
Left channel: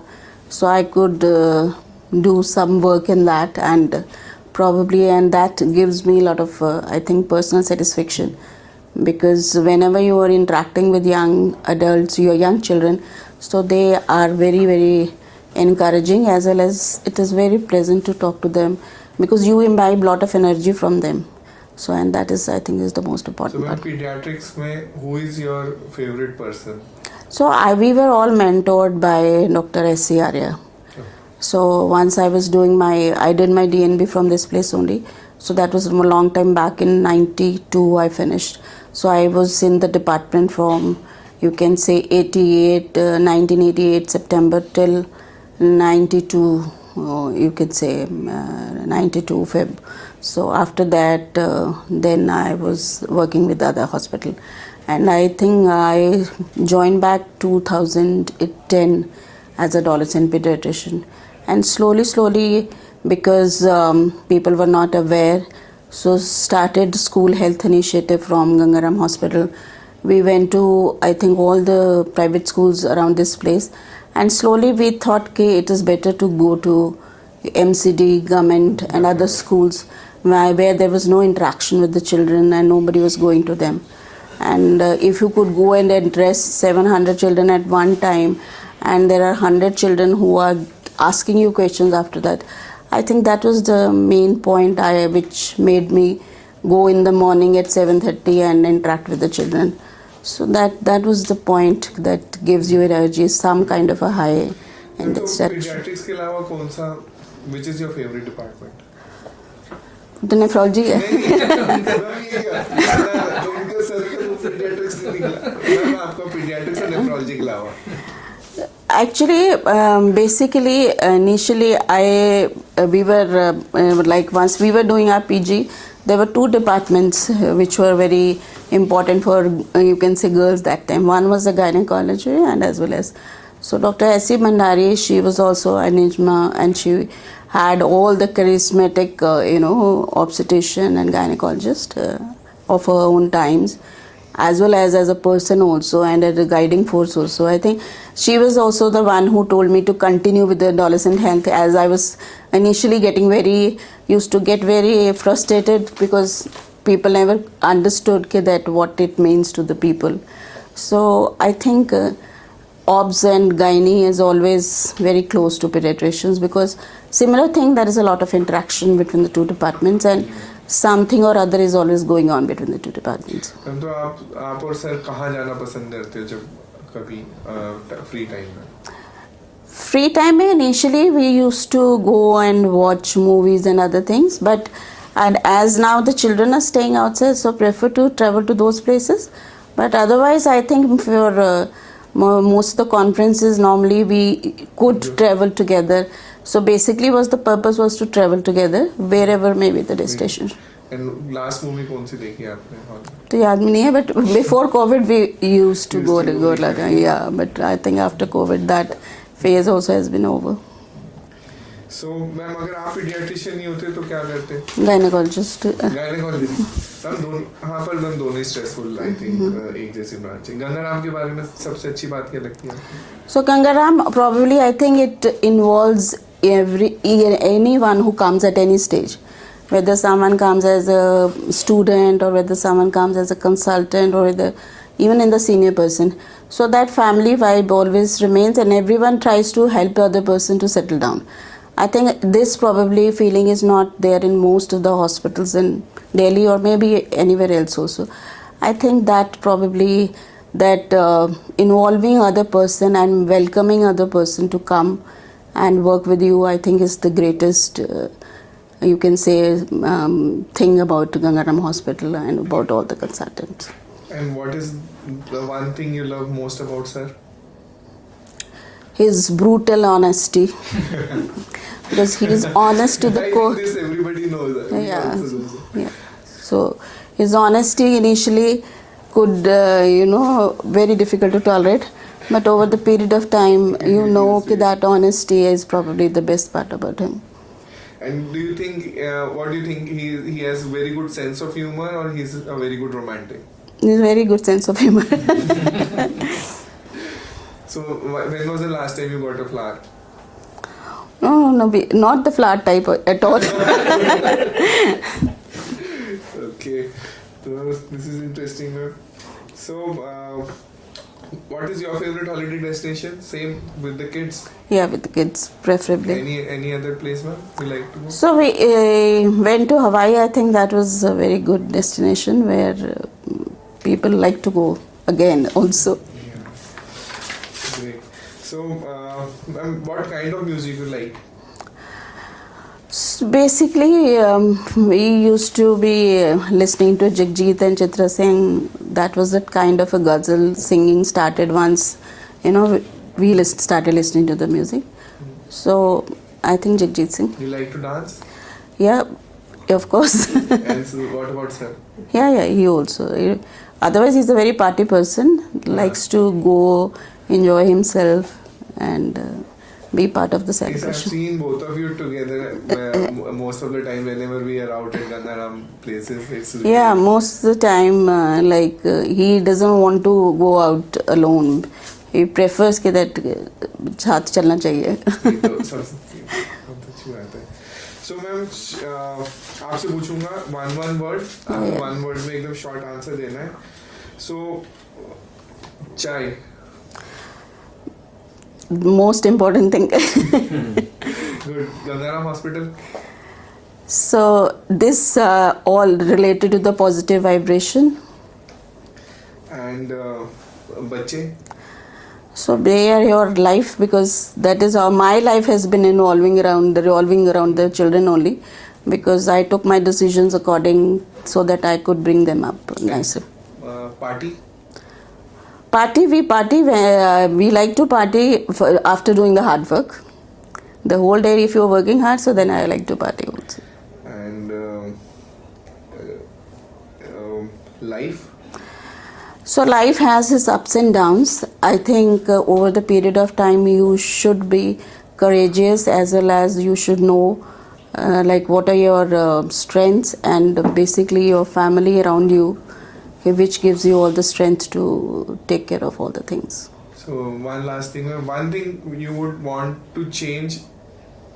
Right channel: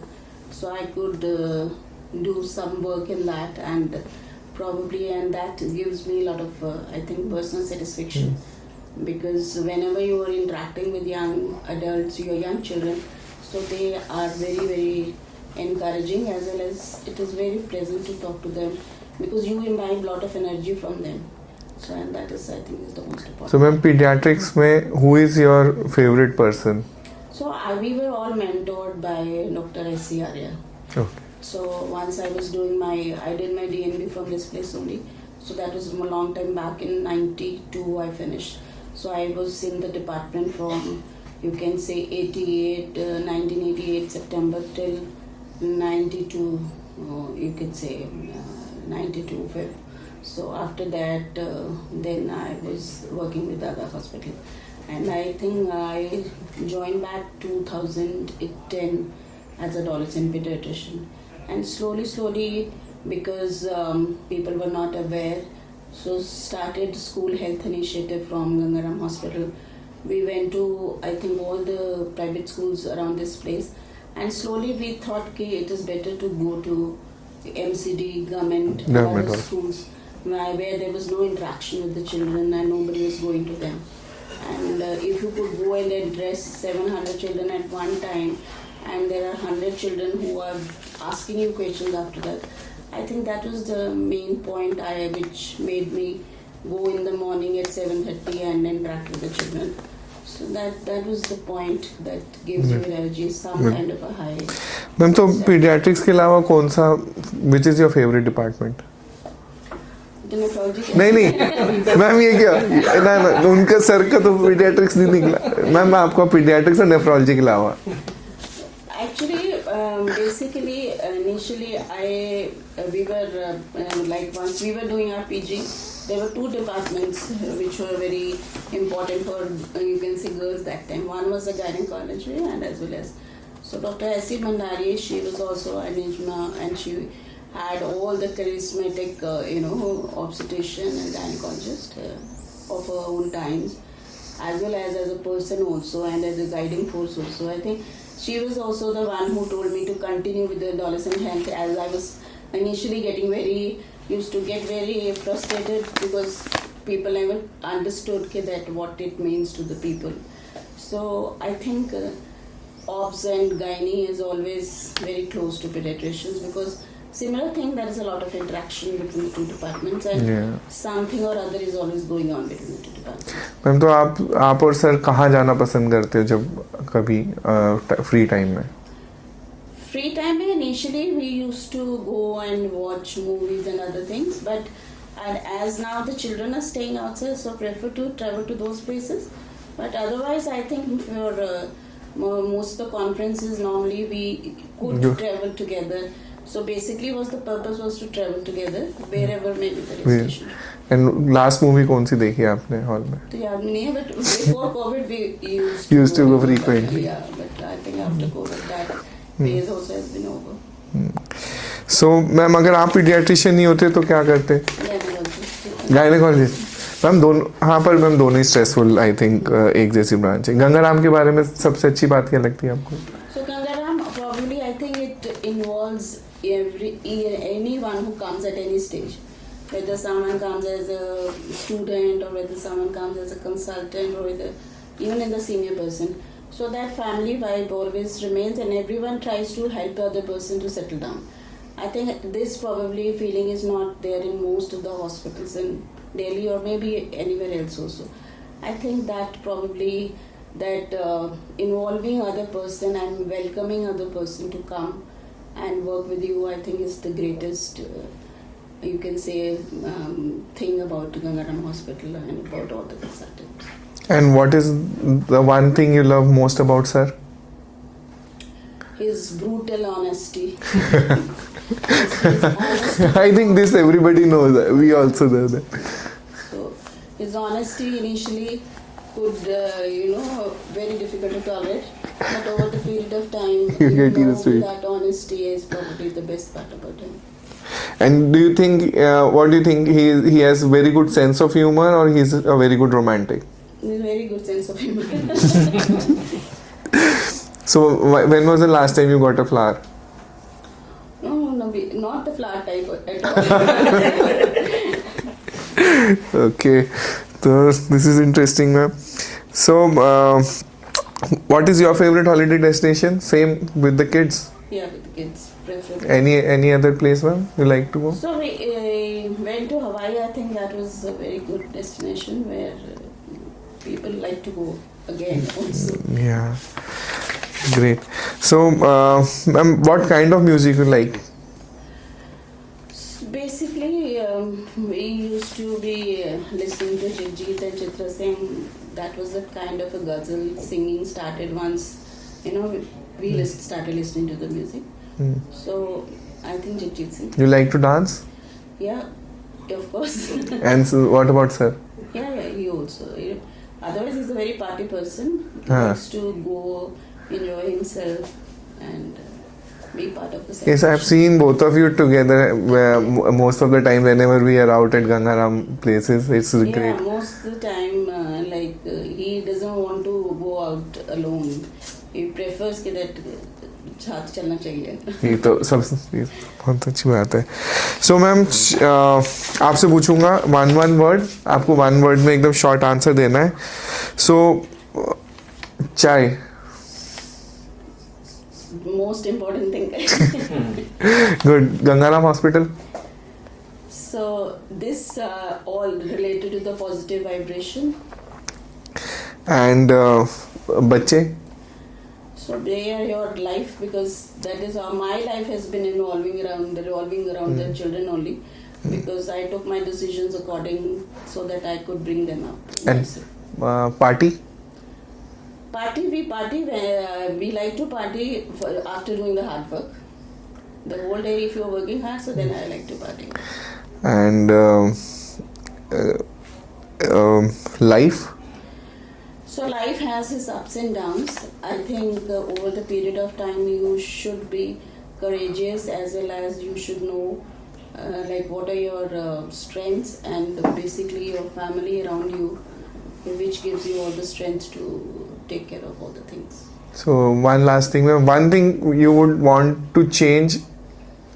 so I could do some work in that, and that gives me a lot of I think personal satisfaction, because whenever you are interacting with young adults, your young children, so they are very, very encouraging, as well as it is very pleasant to talk to them, because you imbibe a lot of energy from them. So, and that is, I think, is the most important. So, ma'am, part. pediatrics mein, who is your favorite person? So, we were all mentored by Dr. S.C. Arya. Okay. So, once I was doing I did my DNB from this place only. So, that was a long time back. In 92, I finished. So, I was in the department from, you can say, 1988 September till 92, you could say 92 Feb. So after that, then I was working with other hospital, and I think I joined back 2010 as adolescent pediatrician, and slowly, because people were not aware, so started school health initiative from Gangaram Hospital. We went to, I think, all the private schools around this place, and slowly we thought it is better to go to MCD, government and other schools where there was no interaction with the children and nobody was going to them. And if you could go and address 700 children at one time, and there are 100 children who are asking you questions after that, I think that was the main point which made me go in the morning at 7:30 and interact with the children. So that was the point that gives you energy, some kind of a high. Ma'am, तो pediatrics के अलावा कौन सा, which is your favorite department? तो nephrology है। नहीं ma'am, ये क्या ना, उनका सर का तो पीडियाट्रिक्स नहीं निकला मैम, आपको पीडियाट्रिक्स और नेफ्रोलॉजी के अलावा? Actually, basically, initially, we were like, once we were doing our PG, there were two departments which were very important for, you can say, girls that time. One was the gynecology, and as well as, so Dr. S.C. Mandari, she was also an Nijma, and she had all the charismatic, obstetrician and gynecologist of her own times, as well as a person also, and as a guiding force also. I think she was also the one who told me to continue with the adolescent health, as I was initially used to get very frustrated because people never understood that what it means to the people. So I think OBS and gynae is always very close to pediatricians, because similar thing, there is a lot of interaction between the two departments, and something or other is always going on between the two departments. Ma'am, तो आप और sir कहाँ जाना पसंद करते हो जब कभी फ्री टाइम में? Free time, initially we used to go and watch movies and other things, and as now the children are staying outside, so prefer to travel to those places. But otherwise, I think for most of the conferences, normally we could travel together. So basically, the purpose was to travel together wherever may be the destination. And last movie कौन सी देखी आपने hall में? तो याद में नहीं है, but before COVID we used to go frequently. Yeah, but I think after COVID that phase also has been over. So ma'am, अगर आप पीडियाट्रिशियन नहीं होते तो क्या करते? Gynecologist. मैम दोनों, हाँ, पर मैम दोनों ही स्ट्रेसफुल आई थिंक एक जैसी ब्रांच है। गंगाराम के बारे में सबसे अच्छी बात क्या लगती है आपको? So Gangaram, probably I think it involves anyone who comes at any stage, whether someone comes as a student or whether someone comes as a consultant or even in the senior person. So that family vibe always remains, and everyone tries to help the other person to settle down. I think this probably feeling is not there in most of the hospitals in Delhi or maybe anywhere else also. I think that probably that involving other person and welcoming other person to come and work with you, I think is the greatest you can say thing about Gangaram Hospital and about all the consultants. And what is the one thing you love most about sir? His brutal honesty. Because he's honest to the I think core. this everybody knows. We Yeah. also know that. Yeah. So his honesty initially could very difficult to tolerate, but over the period of time you know that honesty is probably the best part about him. And do you think, what do you think, he has very good sense of humor, or he's a very good romantic? He's a very good sense of humor. So when was the last time you got a flower? No, not the flower type at all. Okay, so this is interesting, ma'am. So what is your favorite holiday destination? Same with the kids? Yeah, with the kids preferably. Any other place, ma'am, you like to go? So we went to Hawaii. I think that was a very good destination where people like to go again also. Yeah, great. So ma'am, what kind of music you like? Basically, we used to be listening to Jagjit and Chitra Singh. That was that kind of a ghazal singing started once, we started listening to the music. So I think Jagjit Singh. You like to dance? Yeah, of course. And so what about sir? Yeah, he also. Otherwise, he's a very party person. Likes to go, enjoy himself, and be part of the Yes, celebration. I've seen both of you together most of the time whenever we are out at Gangaram places. It's Yeah, great. most of the time, he doesn't want to go out alone. He prefers कि that साथ चलना चाहिए. ये तो सब बहुत अच्छी बात है. So मैम, आपसे पूछूंगा one word. आपको one word में एकदम short answer देना है. So चाय. Most important thing. Good. Gangaram Hospital. So this all related to the positive vibration. And बच्चे. So they are your life, because that is how my life has been revolving around the children only, because I took my decisions according so that I could bring them up nicely. Party. We like to party after doing the hard work. The whole day if you're working hard, so then I like to party also. And life. So life has its ups and downs. I think over the period of time you should be courageous, as well as you should know what are your strengths, and basically your family around you, which gives you all the strength to take care of all the things. So one last thing, ma'am. One thing you would want to change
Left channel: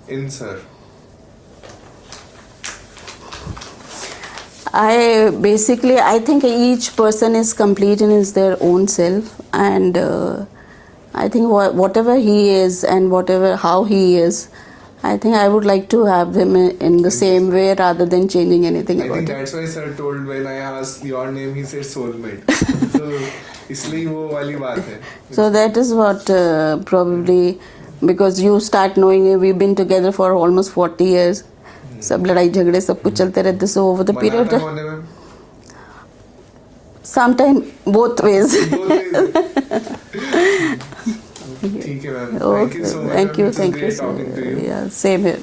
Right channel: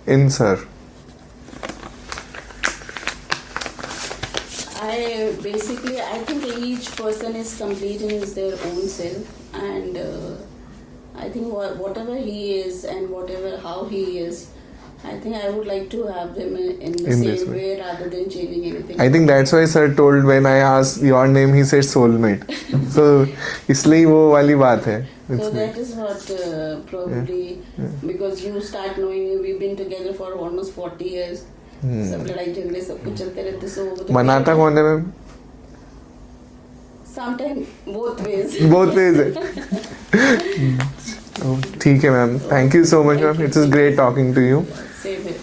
in sir. I think each person is complete in their own self, and I think whatever he is and how he is, I think I would like to have them in the same way rather than changing anything. I think that's why sir told when I asked your name, he said soulmate. So इसलिए वो वाली बात है. So that is what probably because you start knowing we've been together for almost 40 years. सब लड़ाई झगड़े सब कुछ चलते रहते. So over the period. मनाता कौन है ma'am? Sometime both ways. Both ways. ठीक है ma'am. Thank you so much. Thank you. It was great talking to you. Yeah, same here.